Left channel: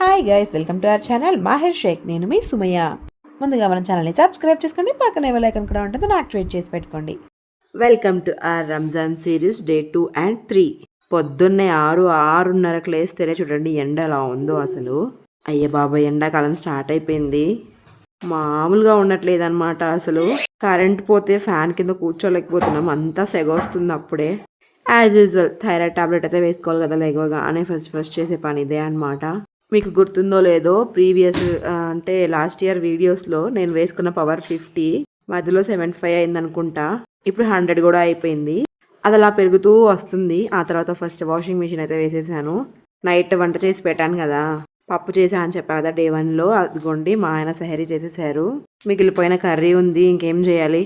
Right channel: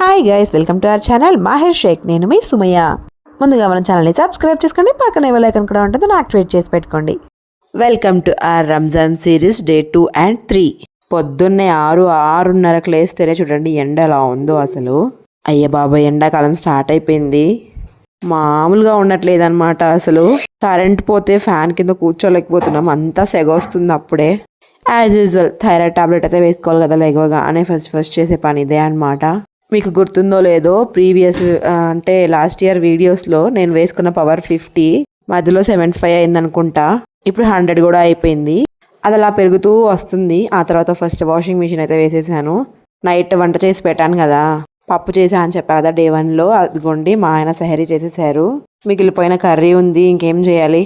Hi guys welcome to our channel Mahir Shaikh నేను మీ Sumayya. ముందుగా మన ఛానల్ని సబ్స్క్రైబ్ చేసుకోండి పక్కన ఎవరైకన్ కూడా ఉంటుంది దాన్ని యాక్టివేట్ చేసి పెట్టుకోండి. Welcome to our Ramzan series day two and three పొద్దున్నే ఆరు ఆరున్నరకు లేస్తేనే చూడండి ఎండ ఎలా ఉందో అసలు. అయ్య బాబాయ్ ఎండాకాలం స్టార్ట్ అయిపోయింది. మామూలుగా ఉండట్లేదు అనమాట అసలు. కరెంట్ పోతే ఫ్యాన్ కింద కూర్చోలేకపోతున్నాం అంతా సెగ వస్తుంది అప్పుడే. యాజ్ యూజువల్ థైరాయిడ్ టాబ్లెట్ అయితే వేసుకోవాలి కదా లేవగానే ఫస్ట్ ఫస్ట్ చేసే పని ఇదే అనమాట మీకు గుర్తుందో లేదో ప్రీవియస్ అంటే లాస్ట్ ఇయర్ వీడియోస్లో నేను వేసుకున్న పవర్ ఫిఫ్టీ మధ్యలో సెవెంటీ ఫైవ్ అయింది అనుకుంటా ఇప్పుడు హండ్రెడ్ కూడా అయిపోయింది. అది అలా పెరుగుతూ వస్తుంది. ఆ తర్వాత ఫస్ట్ వాషింగ్ మిషన్ అయితే వేసేసాను. నైట్ వంట చేసి పెట్టాను కదా. పప్పు చేసా అని చెప్పా కదా డే వన్లో. అదిగోండి మా ఆయన సహరీ చేసేసారు. మిగిలిపోయిన కర్రీ ఉంది ఇంకేం చేయాలి?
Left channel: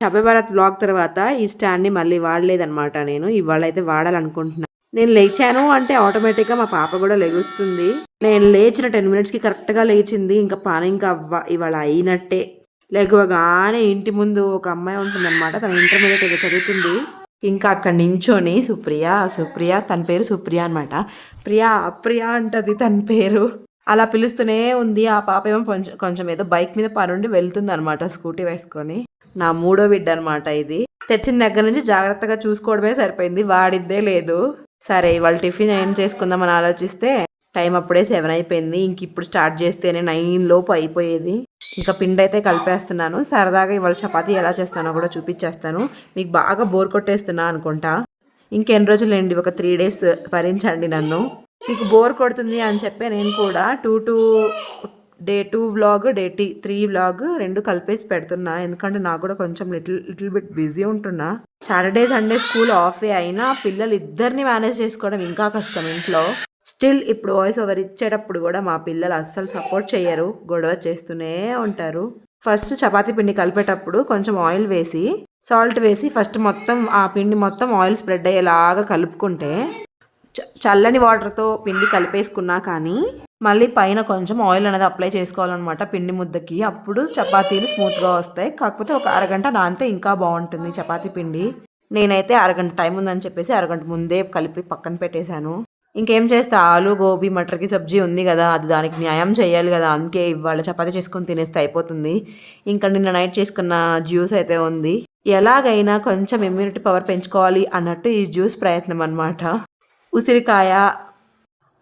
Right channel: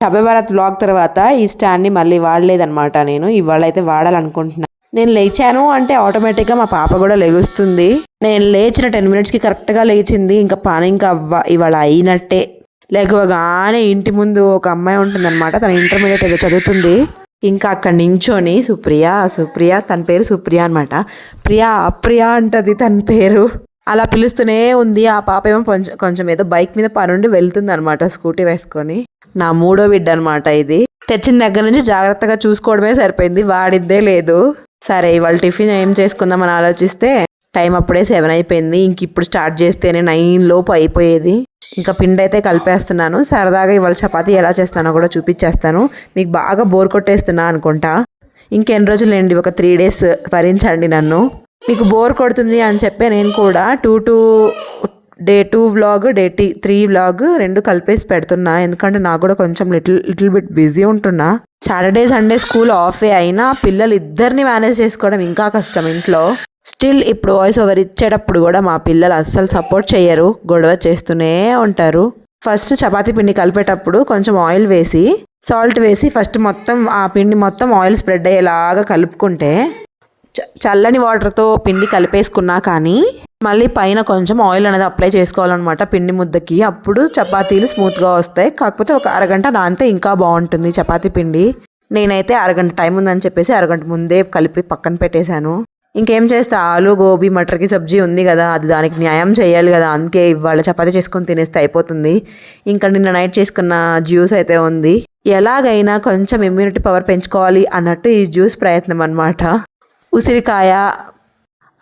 షబే భారత్ బ్లాగ్ తర్వాత ఈ స్టాండ్ని మళ్ళీ వాడలేదన్నమాట నేను. ఇవాళ అయితే వాడాలనుకుంటున్నాను నేను లేచాను అంటే ఆటోమేటిక్గా మా పాప కూడా లెగుస్తుంది. నేను లేచిన టెన్ మినిట్స్కి కరెక్ట్గా లేచింది. ఇంకా పని ఇంకా అవ్వ ఇవాళ అయినట్టే. లేకగానే ఇంటి ముందు ఒక అమ్మాయి ఉంటుందన్నమాట. తన ఇంటర్మీడియట్ ఏదో చదువుతుంది. ఇంకా అక్కడ నించొని సుప్రియ సుప్రియ తన పేరు సుప్రియ అనమాట ప్రియా అప్రియ అంటది తన పేరు. అలా పిలుస్తూనే ఉంది. ఆ పాప ఏమో కొంచెం కొంచెం ఏదో బైక్ మీద పనుండి వెళ్తుంది అనమాట స్కూటీ వేసుకొని. నా మూడో బిడ్డ అనమాట ఇది. తెచ్చిన దగ్గర నుంచి జాగ్రత్తగా చూసుకోవడమే సరిపోయింది. వాడిద్దే లేదు. సరే ఇవాళ టిఫిన్ ఏం చేసుకుందామని ఆలోచిస్తే టైం అప్పుడే సెవెన్ అయిపోయింది. ఇంక ఇప్పుడు స్టార్ట్ చేస్తేనే నైన్ లోపు అయిపోయేది. ఇంకా పిండి అయితే కలిపేస్తున్నాను. సరదాగా ఇవాళ చపాతీ ఎలా చేస్తానో కూడా చూపించేస్తాను. మీకు బాగా బోర్ కొట్టేస్తున్నా అనుకుంటా. ఇంకెన్ని రోజులేండి? ఒక త్రీ డేస్ భరించండి నన్ను. మీకు బోర్ కొడుతుంది అని చెప్పి నేను కూడా two two day two vlog day tea three vlog రెండు కలిపేసి పెడుతున్నా. ఎందుకంటే నాకు కూడా కొంచెం లిటిల్ లిటిల్ బిట్ బిజీ ఉంటున్నా. సాటర్డే సండే స్కూల్ ఆఫే అయినా పిల్లలు ఇద్దరిని మేనేజ్ చేసుకోవడం ఇంకా కష్టం ఇంట్లో. స్టిల్ ఇప్పుడు వాయిస్ ఓవర్ ఇచ్చేటప్పుడు కూడా మా పిల్లలు అస్సలు సపోర్ట్ చేయరు గొడవ చేస్తూనే ఉంటారు. ఫస్ట్ చపాతీ పిండి కలిపేటప్పుడు కొంచెం ఆయిల్ వేసి సాల్ట్ వేసి ఫస్ట్ మొత్తం ఆ పిండి మొత్తం ఆయిల్ స్ప్రెడ్ అయ్యేలాగా కలుపుకుంటే చ- చల్లని వాటర్తో పిండి కలిపేసుకున్నా కానీ మళ్ళీ పైన కొంచెం ఆయిల్ అనేది అప్లై చేసుకోవాలన్నమాట పిండి ముద్దకి. అప్పుడు చపాతీలు స్మూత్గా వస్తాయి. కాకపోతే ఒక అరగంట నానితే ఇంకా బాగుంటుంది చపాతీ పిండి. నేనైతే అరగంట టైం ఉందని చెప్పేసి అరగంట ముందే కలిపి పక్కన పెట్టేశాను. ఇంకేం చేస్తే? ఆలు గోబీ మటర్కి సబ్జీ ఉంది కదా అది దానికి న్యాయం చేయాలి కదా అందుకే ఇవాళ చపాతీ చేసుకొని తినేస్తే అయిపోతుంది. ఇంకా నిన్న నైట్ చేసుకున్న జ్యూస్ అయితే ఉంది. ఎలాగైనా కొంచెం ఇమ్యూనిటీ పవర్ పెంచుకోవాలి అన్నట్టు ఈ జ్యూస్ ప్రయత్నం అనమాట ఉసిరికాయ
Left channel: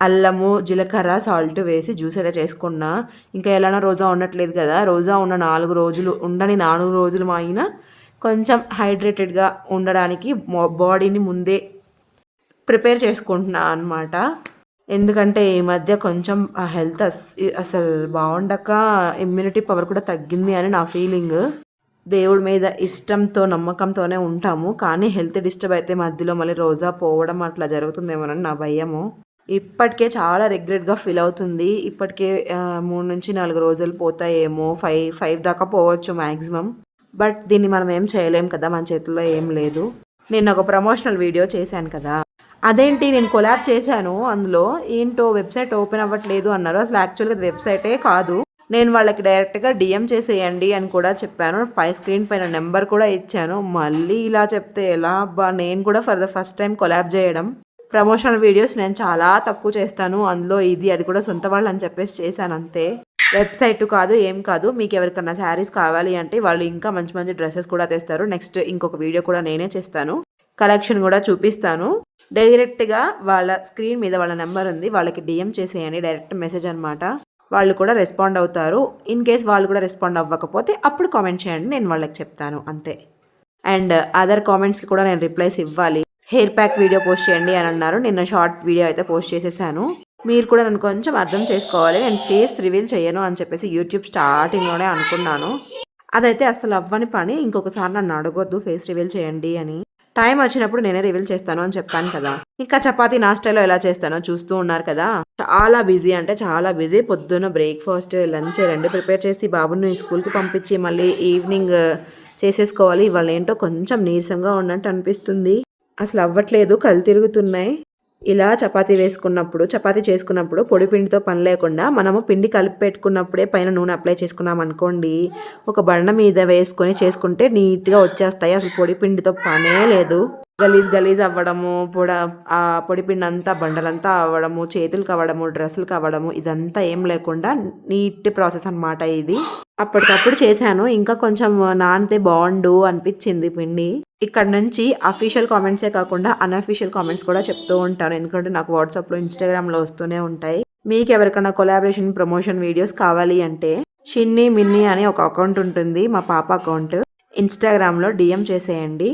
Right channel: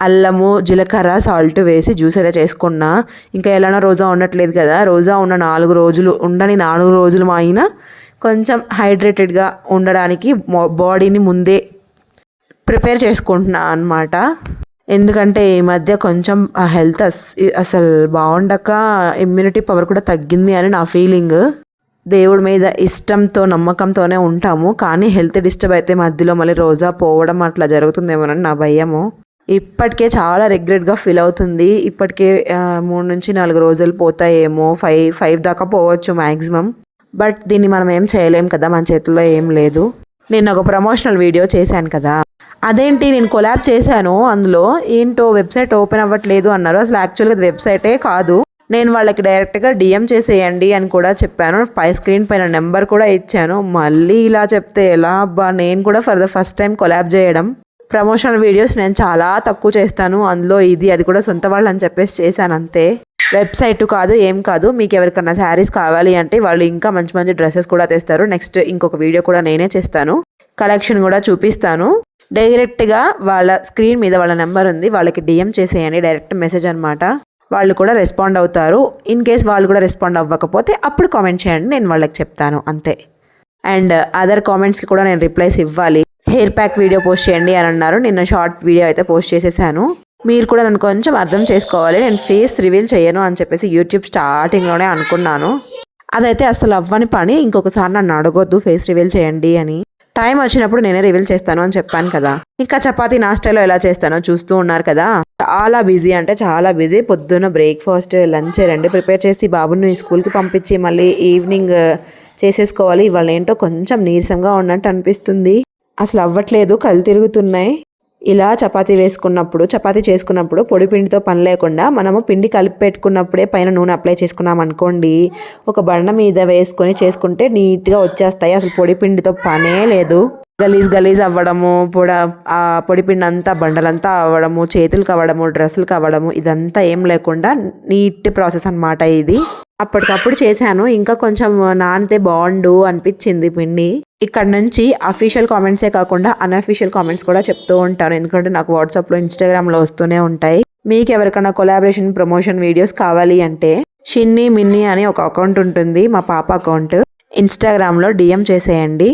అల్లము జీలకర్ర సాల్ట్ వేసి జ్యూస్ అయితే చేసుకున్నా. ఇంకా ఎలానో రోజా ఉండట్లేదు కదా. రోజా ఉన్న నాలుగు రోజులు ఉండని నాలుగు రోజులు మా అయినా కొంచెం హైడ్రేటెడ్గా ఉండడానికి బాడీని ముందే ప్రిపేర్ చేసుకుంటున్నా అనమాట ఎందుకంటే ఈ మధ్య కొంచెం ఆ హెల్త్ అస్ అసలు బాగుండక ఇమ్యూనిటీ పవర్ కూడా తగ్గింది అని నా ఫీలింగ్ దేవుడి మీద ఇష్టంతో నమ్మకంతోనే ఉంటాము. కానీ హెల్త్ డిస్టర్బ్ అయితే మధ్యలో మళ్ళీ రోజా పోవడం అట్లా జరుగుతుందేమోనని నా భయము. ఇప్పటికే చాలా రిగ్రెట్గా ఫీల్ అవుతుంది. ఇప్పటికే మూడు నుంచి నాలుగు రోజులు పోతాయేమో ఫైవ్ ఫైవ్ దాకా పోవచ్చు మ్యాక్సిమం బట్ దీన్ని మనం ఏం చేయలేం కదా మన చేతుల్లో ఏం లేదు. నేను ఒక ప్రమోషనల్ వీడియో చేశాను కదా. అదేంటి నేను కొలాబ్ చేశాను అందులో. ఏంటో వెబ్సైట్ ఓపెన్ అవ్వట్లేదు అన్నారు. అసలు యాక్చువల్గా అది వెబ్సైటే కాదు. నేను వాళ్ళకి డైరెక్ట్గా డిఎం చేసేయండి అని కూడా చెప్పాను. పై స్క్రీన్ పైన నెంబర్ కూడా ఇచ్చాను. మళ్ళీ ఇలా చెప్తే ఎలా? అబ్బా నేను కూడా for the first time collab చేయడం. ప్రమోషనల్ వీడియోస్ నేను చాలా తక్కువ చేస్తాను. అందులో ఇది అది కూడా సొంత వాళ్ళు అని చెప్పేసి చేశాను అంతే. వెబ్సైట్ కాదు ఏం కాదు. మీకు ఎవరికన్నా శారీస్ కావాలి అంటే వాళ్ళు ఇంకా మంచి మంచి డ్రెస్సెస్ కూడా తెస్తారు. నెక్స్ట్ ఇంకొక వీడియో కూడా నేనే చేస్తాను. కలెక్షన్ కూడా చూపిస్తాను. డైరెక్ట్గా వాళ్ళ స్క్రీన్ మీద వాళ్ళ నెంబర్ ఉంది. వాళ్ళకి డిఎం చేసేయండి. డైరెక్ట్ మెసేజ్ అనమాట వాళ్ళు కూడా రెస్పాండ్ అవుతారు. ఇన్ కేస్ వాళ్ళు కూడా రెస్పాండ్ అవ్వకపోతే అప్పుడు కామెంట్ చేయండి. నేను వాళ్ళకి చెప్తాను. అంతే. అండ్ అదర్ కామెంట్స్కి కూడా నేను రిప్లైస్ ఇవ్వాలి. హెయిర్ ప్యాక్ వీడియో పోస్ట్ చేయండి అని అన్నారు. నిన్న షార్ట్ వీడియో అయితే పోస్ట్ చేసేసాను. మీరు కూడా నన్ను కొంచెం అర్థం చేసుకోవాలి. నేను ఫేస్ రివీల్ చేయను అని చెప్పేసి యూట్యూబ్ స్టార్టింగ్లోనే అనుకున్నాను. అదైతే అసలు అవ్వని పని. ఇంకొకసారి నన్ను అడగొద్దు ఫేస్ రివీల్ చేయండి అని. టైం వచ్చినప్పుడు నేనే రివీల్ చేస్తాను అని చెప్పాను కదా. ఇంకా చపాతి నా స్టైల్లో ఎలా చేస్తానో చూస్తూ ఉన్నారు కదా. చాలా బిజీ అంటే చాలా బిజీ. పొద్దున్న బ్రేక్ఫాస్ట్ లంచ్ రెండు ప్రిపేర్ చేసి బాబుని స్కూల్కి పంపించి మళ్ళీ ఈవినింగ్ చేసేసుకోవాలి. ఇవాళ ఏంటో కొంచెం నీరసంగా ఉన్నట్టు అనిపిస్తుంది. అసలు అవ్వట్లేదు కళ్ళు తిరుగుతున్నాయి. ఇలా చపాతీ వేసుకున్నప్పుడు చపాతీ చేసుకున్నప్పుడు పొడి పిండితో పని లేకుండా మనము పిండి కలిపి పెట్టుకున్నప్పుడే పైన నూనె అప్లై చేసుకున్నాం అనుకోండి ఒక బండ మీద వేసుకొని చేసుకుంటే నీట్గా వచ్చేస్తాయి. అసలు పొడి పిండితో పనే లేదు. గలీజ్ గలీజ్ అవ్వడము పొడ ఆ పొడి పిండి అంతా బండలంతా అవ్వడము చేతులు కవ్వడము డ్రెస్సులు కవ్వడము ఇదంతా ఏం లేకుండా నీట్ ప్రాసెస్ అన్నమాట ఇది. అప్పటికప్పుడు చేశాను. ఇంకా కొంచెం నానితే బాగుండు అనిపించింది పిండి ఇక్కడ నుంచి అఫీషియల్ కామెంట్సే కాకుండా అన్అఫీషియల్ కామెంట్స్ కూడా చెప్తూ ఉంటాను. ఎందుకంటే నాకు వాట్సాప్లో ఇన్స్టాగ్రామ్లో వస్తూనే ఉంటాయి. మీకు ఎవరికైనా కొలాబరేషన్ ప్రమోషన్ వీడియోస్ కావాలి అంటే షిన్ని మిన్ని అని ఒక అకౌంట్ ఉంటుంది మా పాప అకౌంట్. ఇన్స్టాగ్రామ్లో డిఎం చేసేయండి.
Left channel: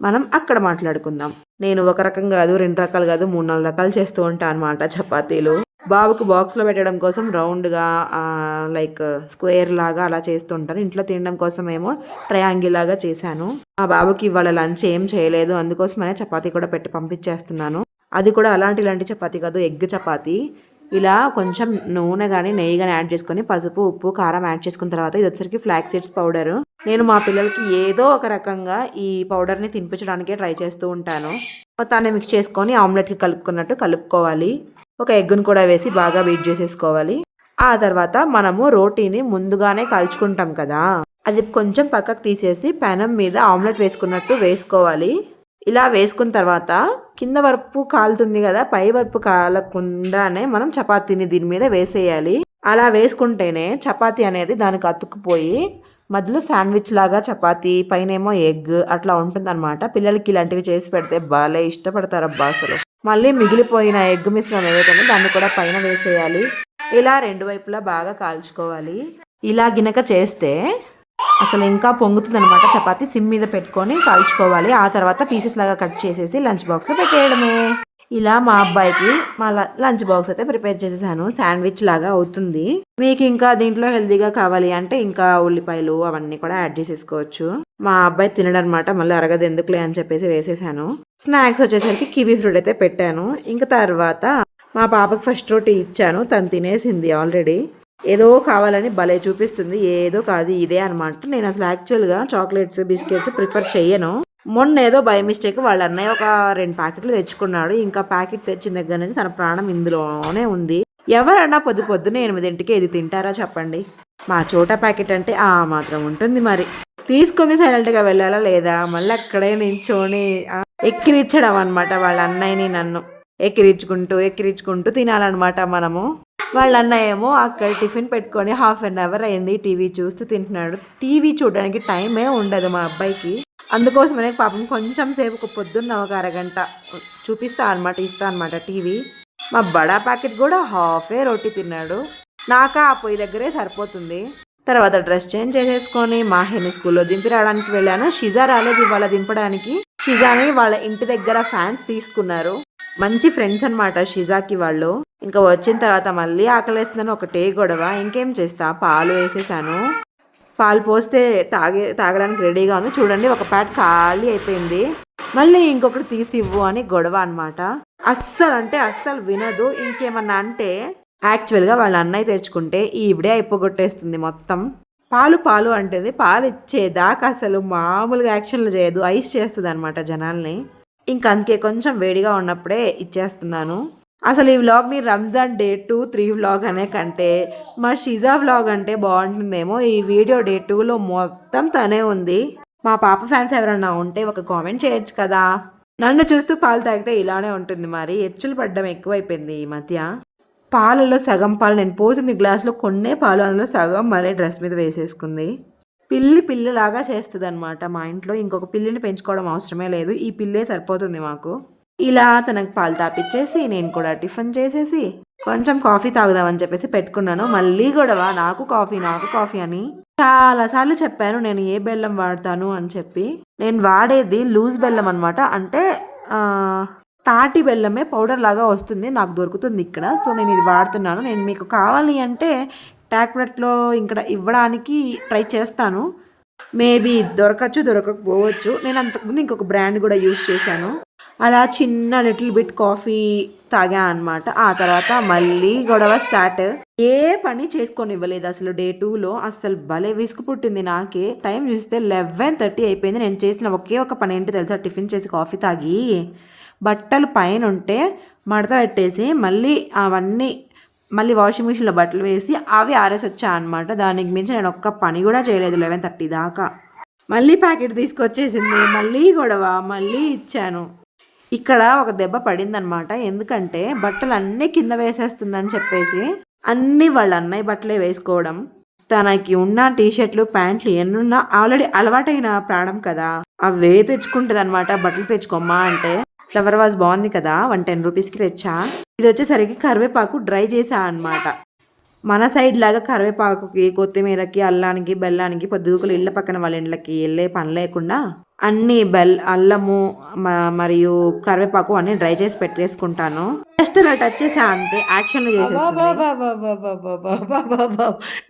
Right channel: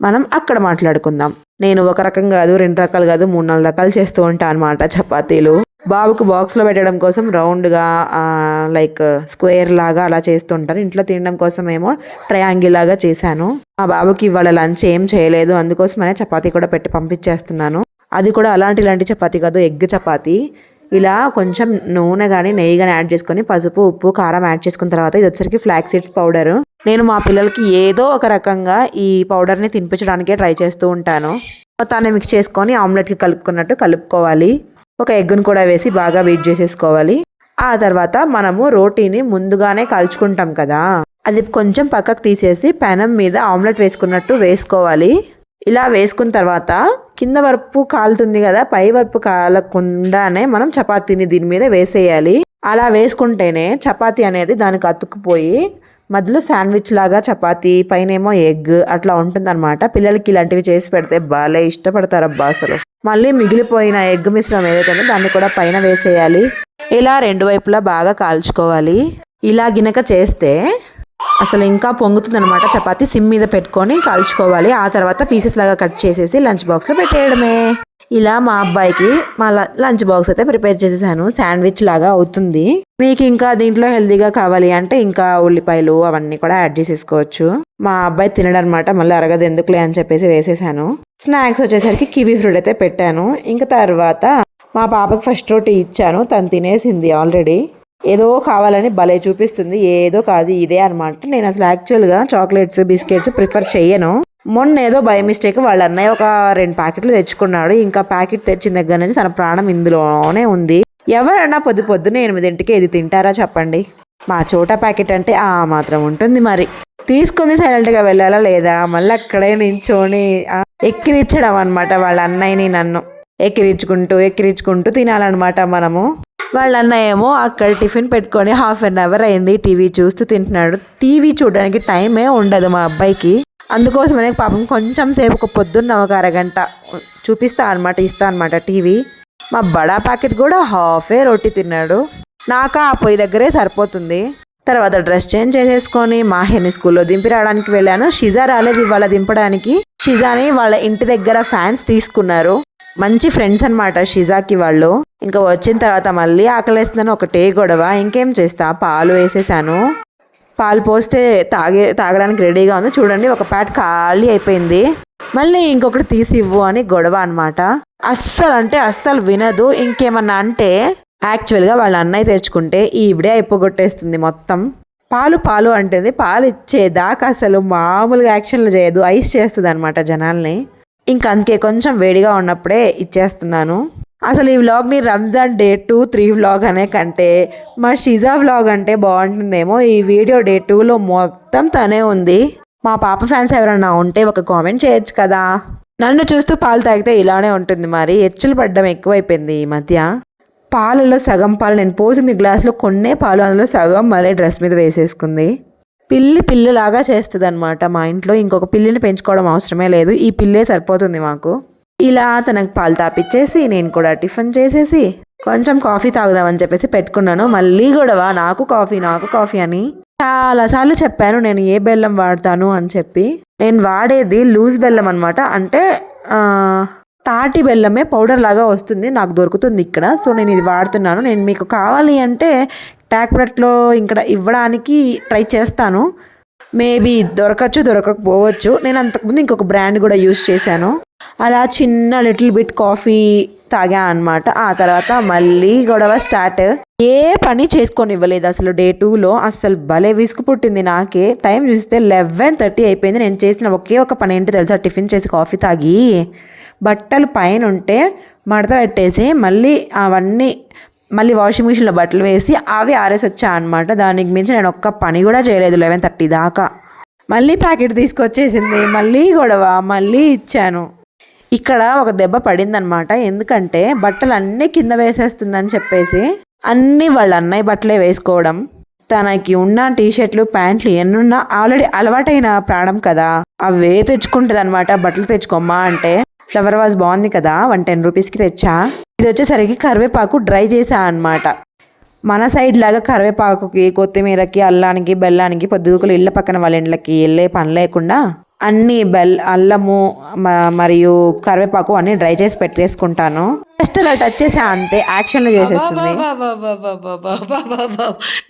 మనం అక్కడ మాట్లాడుకుందాం. నేను ఒక రకం కాదు రెండు రకాలు కాదు మూడు నాలుగు రకాలు చేస్తూ ఉంటాను అనమాట చపాతీలు. బాబుకు బాక్స్లో పెట్టడం కోసం రౌండ్గా లైక్ స్క్వేర్ లాగా అలా చేస్తుంటాను ఇంట్లో తినడం కోసం ఏమో ట్రయాంగిల్ లాగా చేశాను. ఆ బాబుకి ఇవాళ లంచ్ ఏం చేయలేదు. అందుకోసమనే చపాతీ కూడా పెట్టి పంపించేస్తున్నాను. అది కూడా అలాంటి ఇలాంటి చపాతీ కాదు ఎగ్ చపాతీ. ఇలా కొంచెం నూనె కానీ నెయ్యి కానీ యాడ్ చేసుకొని పసుపు ఉప్పు కారం యాడ్ చేసుకున్న తర్వాత ఇది వచ్చరికి ఫ్లాక్ సీడ్స్ పౌడర్. నేను మా పిల్లలకి ఏదో ఒక రకంగా ఈ పౌడర్ని తినిపించడానికే ట్రై చేస్తూ ఉంటాను. మొత్తాన్ని మిక్స్ చేసుకొని ఆమ్లెట్కి కలుపుకున్నట్టు కలుపుకోవాలి. ఒక ఎగ్గును కూడా వేసి బాగా బీట్ చేసేసుకోవాలి. ఆ తర్వాత మనము రోటీని ముందుగానే కాల్చుకుంటాం కదా. అది కొంచెం పక్కకు తీసేసి పెనం మీద ఆమ్లెట్ వేసుకున్నట్టు వేసుకోవాలి. ఇలా వేసుకున్న తర్వాత కింద వరపు కాలుతుంది కదా పై వరపు కాలకుండానే మనం చపాతీని దీని మీద వేసేయాలి. అలా వేసుకుంటేనే చపాతీ అనేది దానికి అతుక్కుపోయి మధ్యలో శాండ్విచ్ లాగా చపాతీ పైన ఏమో ఎగ్ అట్లా ఉంటుందన్నమాట. పిల్లలకి ఇలాంటివి చేసి పెడితే బాగా ఇష్టపడతారు అబ్బా అసలు. మళ్ళీ మిగిలిపోయిన ఎగ్ మిశ్రమం ఏదైతే దాన్ని కూడా పైన వేసేయాలి. ఇలా రెండు వైపులా బాగా కాల్చుకోవాలి. ఇలా గినక చేస్తే అసలు ఇంకా పొంగుతుంది అనమాట చపాతి సిమ్ మీద పెట్టుకొని కాల్చుకోవాలి. ఆ తర్వాత పీసెస్ లాగా కట్ చేసేసి లంచ్ బాక్స్లో పెట్టేయడమే. ఇలా మా అబ్బాయికి మా లంచ్ బాక్స్ అయితే ప్రిపేర్ చేసేసాను. శాండ్విచ్ లాగా అవుతుంది. మీకు ఇంకా దీంట్లో హెల్తీగా కావాలి అంటే ఇంకా ఉల్లిపాయలు అవన్నీ కూడా యాడ్ చేసేసుకోవచ్చు. మా అబ్బాయి తినడనమాట మళ్ళీ అరగదు ఎందుకులే అని చెప్పేసి వేసేసాను. స్నాక్స్ వచ్చేసరికి కివీ ఫ్రూట్ అయితే పెట్టాను. ఇంకా తర్వాత మా పాపకి ఫస్ట్ రోటీ ఇచ్చాను. తను తినేసింది ఆల్రెడీ. ఏదో కావాలని భలే చూపిస్తుంది. ఏదో కాదు ఇదే అనమాట నేను అసలు యాక్చువల్గా చాక్లెట్స్ బిస్కెట్స్ ప్రిఫర్ చేయను మొన్న ఏదో బై మిస్టేక్ వాళ్ళ అన్నయ్య ఒక రెండు ప్యాకెట్లు తెచ్చుకున్నాడు. ఇంకా ప్యాకెట్ తెచ్చిన దగ్గర నుంచి తన ప్రాణం ఇందులోనే ఉంది. ఎవరన్నా పొద్దు పొద్దున ఎనిమిదింటికి ఇది తింటారా చెప్పండి. మా చోట ప్యాకెట్ అంటే ఆ మాత్రం ఉంటుంది మరి. తీసుకుంది సైలెంట్గా వెళ్ళాలా లేదా? మళ్ళీ అక్కడే నించోని ఎక్కిరించడం అనమాట వాళ్ళ అన్నయ్యని నన్ను. ఎక్కిరించుకుంటూ ఎక్కిరించుకుంటూ తినాలన్నమాట మనము. వాళ్ళ అన్న ఏమో అక్కడ టిఫిన్ పెట్టుకొని హాఫ్ అన్ అవర్ అయింది టీవీ చూస్తూ తింటున్నాడు. టీవీ చూడడానికి టైమే ఉండదు మా అబ్బాయికి. అందుకోసమనే పాపం కొంచెం సేపు ఒక పొద్దున్న ఒక అరగంట చూపిస్తా అనమాట ఇస్తా అనమాట టీవీ. మా బడా ప్యాకెట్ కూడా హాఫే రొట్టి తిన్నాడు. నాకు ఆ పొయ్యి దగ్గరే సరిపోతుంది. తర్వాత డ్రెస్ చేంజ్ చేసేసుకొని మాహిని స్కూల్లో దింపి రావడానికి వెళ్ళాను. షిజా రాలేదు ఇవాళ దింపడానికి. షిజాని వాళ్ళ ఇంటి దగ్గర ఫ్యాన్స్ తీసుకున్నారు. మంచి ఫ్రెండ్స్ అనమాట షిజాకి వాళ్ళు. ఇంకా వచ్చిన తర్వాత మళ్ళీ ఆకలేస్తుందని ఒకటే గొడవ. ఇంకేం చేస్తా? పాలు వేసేసాను. పాలు పోస్తే తాగే తాగడానికి రెడీగా ఉంది. చూడండి ఒక పాట ఖాళీ అయిపోయింది. మళ్ళీ ఇంకొకటి తీసి ఇవ్వు అని గొడవ అనమాట అస్సలు అంటే అస్సలు వినదు. ఇంకేమన్నా అంటే యాక్చువల్గా వాళ్ళ అన్నయ్య తెచ్చుకుంటే ఈవిడే అయిపోగొట్టేస్తుంది మొత్తం. పాలు పాలు అంటుంది పాలు ఇచ్చేదాకా అసలు మామూలుగా యాక్షన్లు చేయదు. ఐస్ చేస్తుంది అనమాట జనాల్ని. ఇంకా అందుకే కొంచెం వేడిగా ఉన్నప్పుడే ఇచ్చేస్తున్నాను. అసలు ఈ వ్లాగ్ని Ramzan day two three vlog అనే కంటే మా షిజా వ్లాగ్ అంటే బాగుంటుందేమో. ఈ వీడియో డే టూలో మొత్తం తనే ఉంది. మా పాప ఫ్యాన్స్ ఎవరైనా ఉంటే ఒక కామెంట్ చేయొచ్చు కదా. నన్ను చూస్తూ పాలు తాగితే ఇలానే ఉంటుంది మరి. ఎచ్చులు పడ్డం ఎక్కువైపోయింది ఈ మధ్య. పాలలో సగం పాలు నేను పోసింది గ్లాస్లో కొన్నే పాలు అందులో సగం మళ్ళీ డ్రెస్ మీద వేసేసుకుంది. పిల్లి పిల్లలాగా చేస్తుంది అనమాట మా ఇంట్లో. ఇంకొక పిల్లిని పెంచుకోవడం అవసరమే లేదు. ఈ పిల్లే సరిపోతుంది మాకు. ఇలా తనకు పాలు తాపిచ్చేసి నేను కూడా టిఫిన్ చేసేసి కొంచెం కాఫీ తాగుదామని చెప్పేసి పెట్టుకున్నాను. మళ్ళీ గొడవ నాకు కాఫీ నాకు కాఫీ అని. చాలాసార్లు చెప్పాను నేను ఏ బెల్లం వాడతాను అని చెప్పి. నేను వాడేది లూజ్ బెల్లం అనమాట అంటే తాటి బెల్లమే పౌడర్ లాగా వస్తుంది నాకు దొరుకుతుంది ఇక్కడ. సో నేను ఇది వాడుతున్నాను. నేను మీకు కావాలి అంటే ట్యాక్ప్రెట్లో ఇక్కడ ఇవ్వడానికి ట్రై చేస్తాను. మేబీ దొరకచ్చు దొరకకపోవచ్చు. నేను అంతకుముందు ఇంకొక బ్రాండ్ కూడా యూస్ చేశాను. అలా చిన్న లిటిల్ బిట్ కాఫీ తాగా అనమాట ఆ తర్వాత మళ్ళీ గొడవ స్టార్ట్. ఏ పని చేసుకొని ఇవ్వలేదు అసలు డే టూలో అసలు భలే విసుగు పుట్టింది నాకే. టైం చూస్తే లెవెన్ థర్టీ అయిపోయింది. నేను చేసిన ఒకే ఒక పని ఏంటి తెలుసా? టిఫిన్ చేసి కాఫీ తాగి. బట్టలు పైన ఉంటే మడత పెట్టేసి మళ్ళీ అవన్నీ మళ్ళీ వాషింగ్ మిషన్లో బట్టలు వేసి అవి ఆరేసి వచ్చా అనమాట దానికి మించి నేను ఒక్క పని కూడా చేయలేదు లెవెన్ థర్టీ దాకా. మళ్ళీ ప్యాకెట్ తీసుకొచ్చేసింది. మళ్ళీ గొడవ. మళ్ళీ ఇచ్చాను. ఇక్కడ ఒక దెబ్బ పడిందనమాట ఎందుకంటే బట్టలు అన్నీ కింద వేసేస్తుందని చెప్పేసి అన్నీ వాళ్ళ అన్నయ్య బట్టలే వేసుకోవడం. తనకి ఉన్న టీ షర్ట్లు ప్యాంట్లు ఎన్నున్నా ఆల్రెడీ అలవాటైన ప్రాణం కదా. అవే తెచ్చుకుంటుంది అనమాట బట్టలు తెచ్చుకోమ్మా అంటే. ఫ్లవర్ వాజ్ బాగుంది కదా. వన్ టెన్ రూపీస్కి తెచ్చా? ఇది వచ్చేసరికి కరివేపాకు డ్రై చేసా అనమాట మన సైడ్ లాగా కరివేపాకుకి కొత్తిమీరకి అల్లానికి బెల్లానికి పొద్దుగుకలు ఇళ్ళ పక్కన వాళ్ళ ఇండ్లకి వెళ్ళే పని లేకుండా అన్ని బెల్ అల్లము మరియు కరివేపాకు అన్ని డ్రై చేసి పెట్టేసుకుంటాను. జస్ట్ అలా టచ్ చేసా అంతే యాక్షన్లో చేసేస్తుంది.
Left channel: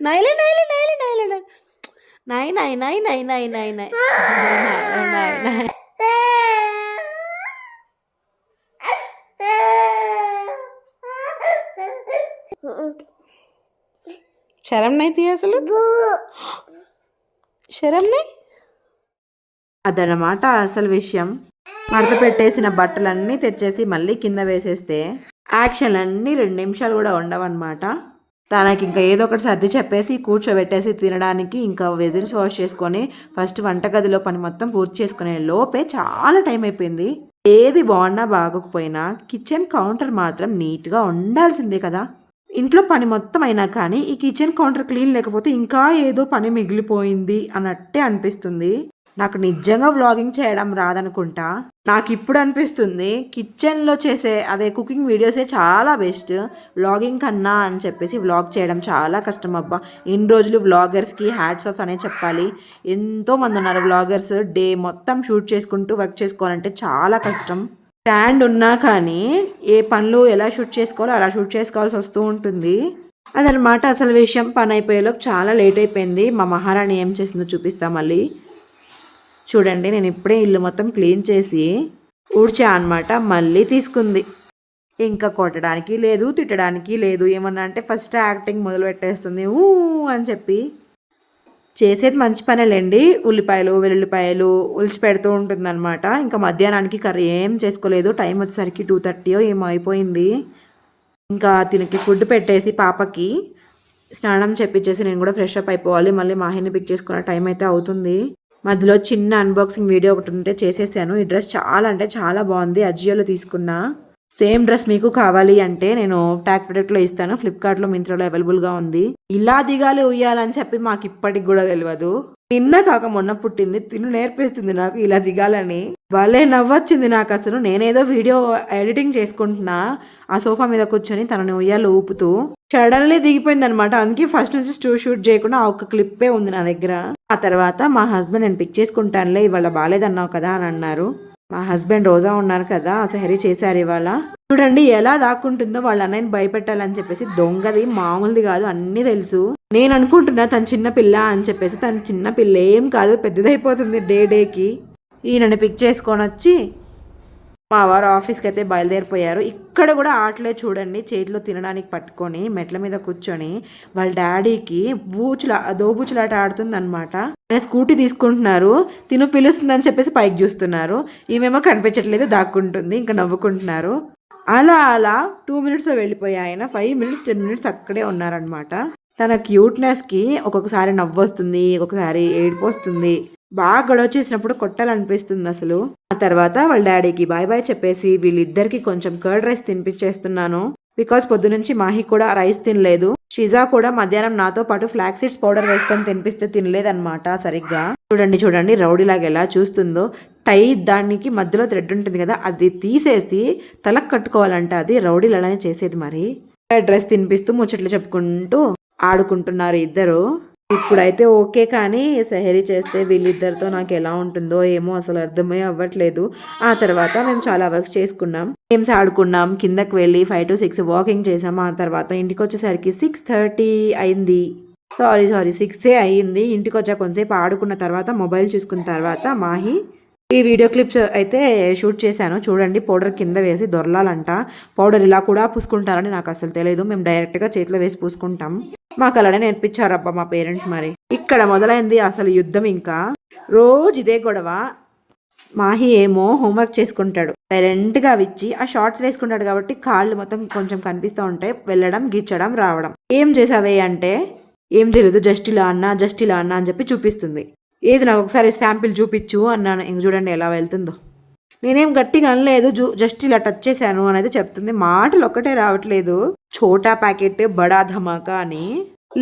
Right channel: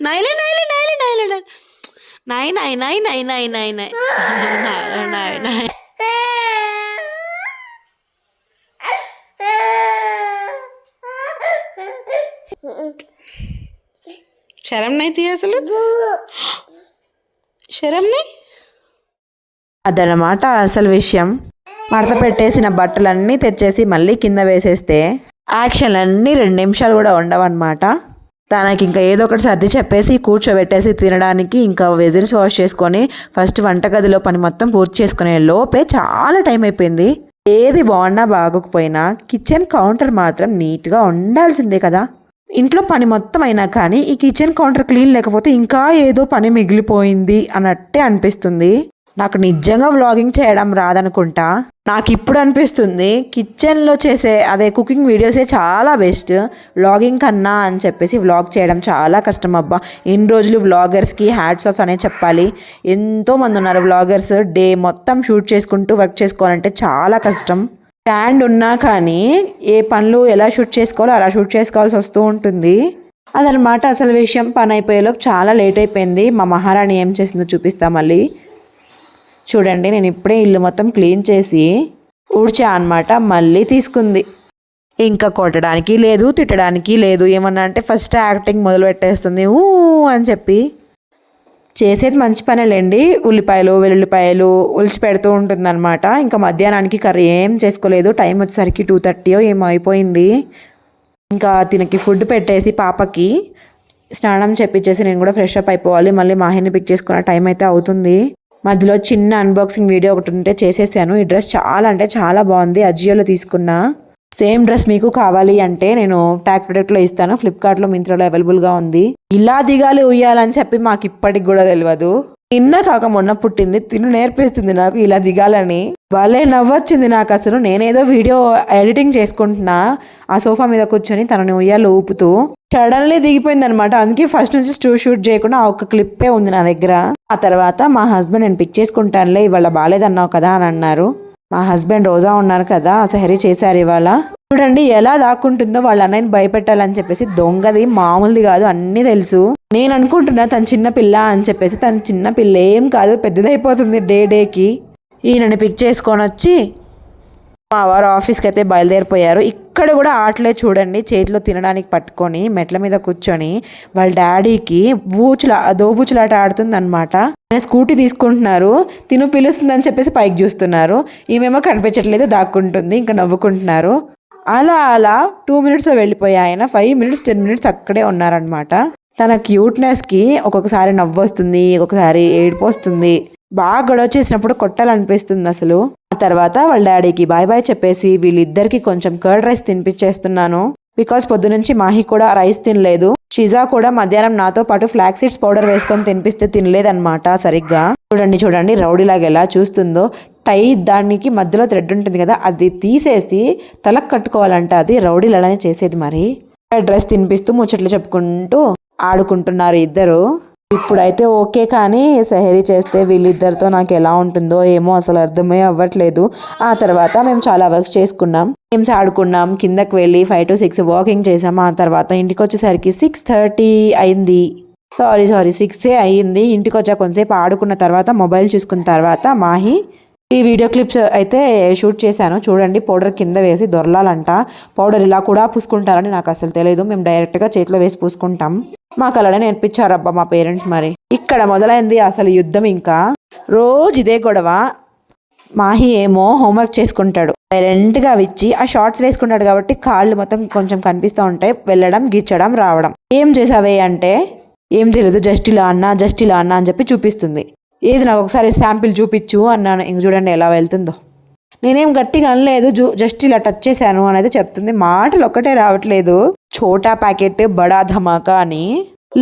నైలే నైలే నైలే నైలే నై నై నై నై నై నై. నై నై నై. శరం నైతి అసలు? శరం నై అదనమాట అసలు విషయం. మడత పెట్టేసిన బట్టలన్నీ తెచ్చేసి మళ్ళీ కింద వేసేస్తే యాక్షన్లన్నీ రెండు నిమిషాలు కూడా ఉండవన్నమాట. తనకి ఇంకా ఏదో ఒకటి సర్ది చెప్పేసి కూర్చోబెట్టేసి తినడానికి ఇంకా వెజిల్స్ వాష్ చేసుకొని ఫస్ట్ వంటగదిలో పని మొత్తం పూర్తి చేసుకునే లోపే చాలా టైం అయిపోయింది. ఏది బాగున్నా బాగోకపోయినా కిచెన్ కౌంటర్ మాత్రం నీట్గా ఉండాల్సిందే కదా. ఇంట్లో పని మొత్తం అయినా కానీ ఈ కిచెన్ కౌంటర్ క్లీన్ లేకపోతే ఇంకా ఏదో పని మిగిలిపోయింది అన్నట్టే అనిపిస్తుంది. నాకు నిజంగా వ్లాగింగ్ చేయడం రాదనుకుంటా. నాకు ఇప్పుడు అనిపిస్తుంది కిచెన్లో చేసే అదే కుకింగ్ వీడియోసే చాలా బెస్ట్. వ్లాగింగ్ కన్నా అని చెప్పేసి వ్లాగ్ చేయడం చాలా కష్టం అబ్బా. ఇన్ని రోజులు వ్లాగర్స్కి హ్యాట్స్ ఆఫ్ అనే చెప్పాలి. ఎంతోమంది ఉన్నారు వ్లాగర్స్. డే మొత్తం షూట్ చేసుకుంటూ వర్క్ చేసుకోవాలంటే చాలా కష్టం. స్టాండ్ ఉన్నా కానీ ఏ పనులు ఎలా షూట్ చేసుకోవాలో అలా షూట్ చేసుకోవాల్సి వస్తూ ఉంటుంది. అదనమాట అసలు విషయం. పని అయిపోయేలోపు చాలా లేట్ అయిపోయింది. మా మహారాణి ఏం చేసిందో చూపిస్తా మళ్ళీ. చూడండి నేను ఇప్పుడే ఇల్లు మొత్తం క్లీన్ చేసి ఊడ్చా అనమాట మళ్ళీ తీసుకుంది. ఇంకా కొట్టడానికి లేదు తిట్టడానికి లేదు. ఏమన్నా అంటే ఫస్ట్ యాక్టింగ్ మొదలు పెట్టేస్తుంది ఊ అని చెప్పి చేసేది మంచి పనేలేండి. ఉల్లిపాయలు వెల్లుల్లిపాయలు ఉలిచి పెడుతూ ఉంటుందన్నమాట. ఇంకా మధ్యాహ్నానికి కర్రీ ఏం చేసుకోలేదు. టైం వచ్చేసరికి టూ థర్టీయో ఏమో అయిపోయింది. ఇంకా తినకి ఫుడ్ పెట్టేసి పాపకి స్నానం చెప్పించేసి నేను కూడా ఫ్రెష్ అప్ అయిపోవాలి. మళ్ళీ మాహిని పిక్ చేసుకున్న టైం అయితే అవుతుంది. మధ్యలో చిన్న అన్బాక్సింగ్ వీడియో ఒకటి ఉంటే చేసేసాను. ఈ డ్రెస్ చాలా అంటే చాలా బాగుంది. అజియోలో తీసుకున్నా. సేమ్ డ్రెస్ మీకు కావాలి అంటే నేను ట్యాక్ ప్రొడక్ట్లో ఇస్తాను ఫ్లిప్కార్ట్లో మింత్రాలో అవైలబుల్గా ఉంది. ఇలా దిగాలి ఉయ్యాలని చెప్పి మాకు ఇప్పటికి కూడా తెలియదు నిన్న కాక మొన్న పుట్టింది తిను నేర్పిస్తుంది నాకు ఇలా దిగాలని. భలే నవ్వొచ్చింది నాకు అసలు. నేనేదో వీడియో ఎడిటింగ్ చేసుకుంటున్నా ఆ సోఫా మీద కూర్చొని తనని ఉయ్యాలు ఊపుతూ. సడన్లీ దిగిపోయింది అనమాట అందుకే ఫస్ట్ నుంచి స్టూ షూట్ చేయకుండా ఒక క్లిప్పే ఉంది నా దగ్గర. ఆ తర్వాత మా హస్బెండ్ నేను పిక్ చేసుకుంటానులే ఇవాళ బాగాలేదన్నావు కదా అని అన్నారు. మా హస్బెండ్ రోజా ఉన్నారు కదా సహరీ చేశారు ఇవాళ. చూడండి ఎలా దాక్కుంటుందో వాళ్ళ అన్నయ్యని భయపెట్టాలని చెప్పేసి దొంగది మామూలుది కాదు అన్నీ తెలుసు. నేను అనుకుంటున్నా తను చిన్న పిల్ల అని చెప్పేసి తను చిన్న పిల్ల ఏం కాదు పెద్దదైపోతుంది డే డేకి. ఈయనని పిక్ చేసుకొని వచ్చి మా వారు ఆఫీస్కి అయితే బయలుదేరిపోయారు. ఇక్కడ కూడా ఆటలే చూడండి చేతిలో తినడానికి పట్టుకొని మెట్ల మీద కూర్చొని వాళ్ళ డాడీకి బూచుల దోబూచులాట ఆడుతుంది అనమాట ఆయన స్కూటీ తీసుకుంటున్నారు తిను పిలుస్తుందని చెప్పేసి పైకి చూస్తున్నారు. ఈమెమో కనిపించట్లేదు దాక్కుంటుంది ఇంకా నవ్వుకుంటున్నారు. అలా అలా టూ మినిట్స్ వెళ్ళిపోయాయి ఆయన ఫైవ్ మినిట్స్ టెన్ మినిట్స్ అక్కడే ఉన్నారనమాట తన క్యూట్నెస్కి ఒక్కొక్కసారి నవ్వు వస్తుంది ఒక్కొక్కసారి ఏడుపు వస్తుంది. బాగా గొడవ చేసినప్పుడు కొట్టాలనిపిస్తుంది అసలు. ఆ తర్వాత వాళ్ళ డాడీకి బాయ్ బాయ్ చెప్పేసి వీళ్ళిద్దరికి కొంచెం కర్డ్ రైస్ తినిపించేస్తున్నాను. బికాస్ పొద్దునుంచి మాహి కూడా రైస్ తినలేదు. షిజా కూడా మధ్యాహ్నం నాతో పాటు ఫ్లాక్ సీడ్స్ పౌడర్ వేసుకొని తినిపిస్తే తినలేదన్నమాట సరిగ్గా. చూడండి చూడండి రౌడీలాగా ఎలా చూస్తుందో. టై దానికి మధ్యలో థ్రెడ్ ఉంటుంది కదా అది తీసేసి తలకు కట్టుకోవాలంట. అది రౌడీలు అలానే చేసేది మరి. డ్రెస్ తినిపిస్తూ ముచ్చట్లు చెప్పుకుంటూ ఆడుకుంటున్నారు ఇద్దరు. ఇప్పుడైతే ఓకే కానీ సహరీ చేస్తే వీళ్ళిద్దరితో నాకు ఎలా ఉంటుందో ఏమో అసలు అర్థమే అవ్వట్లేదు. ఆ తర్వాత మేము చాలా వర్క్స్ చేసుకున్నాం. గేమ్స్ ఆడుకున్నాం. కిందకి వెళ్ళి ఫైవ్ టు సిక్స్ వాకింగ్ చేసాం. ఆ తర్వాత ఇంటికి వచ్చేసరికి సిక్స్ థర్టీ అయింది. సారీ సారీ సిక్సే అయ్యింది ఇంటికి వచ్చా కొంతసేపు ఆడుకున్న తర్వాత మొబైల్ చూసుకున్న తర్వాత మాహి ఈ వీడియో క్లిప్స్ అయితే షూట్ చేశాను. చూడండి పౌడర్ కింద వేసి దొరలాలంట. పౌడర్ ఇలా కూడా పూసుకుంటారని నాకు అసలు తెలియదు మేము డైరెక్ట్గా చేతిలో వేసి పూసుకుంటాం. మాకు అలానే నేర్పించారబ్బా మా పేరెంట్స్ మరి. ఇక్కడ మొదలైంది అసలు యుద్ధం ఇంకా. రోజు ఇదే గొడవ. మాహి ఏమో హోంవర్క్ చేసుకుంటాడు. సైలెంట్గా ఇచ్చి ఆ షార్ట్స్ వేసుకుంటాడు కాబట్టి కాళ్ళు మొత్తం కొంచెం కనిపిస్తూ ఉంటాయి. వెళ్ళడం గిచ్చడం రావడం. ఏం చేసావే అంటే ఏం తెలియదు జస్ట్ ఇలా అన్నా జస్ట్ ఇలా అన్నా అని చెప్పి చూపిస్తుంది. ఏది నాకు ఒకసారి శాంపిల్ చూపించు అన్నాను. ఇంక చూడండి ఎలా వెళ్తుందో. నేనేం గట్టిగా అనలేదు జూ జస్ట్ ఇలా టచ్ చేశాను అనేది చెప్తుంది. మాటలు ఒక్కటే రావట్లేదు. చోటా ప్యాకెట్ బడా ధమాకా అని.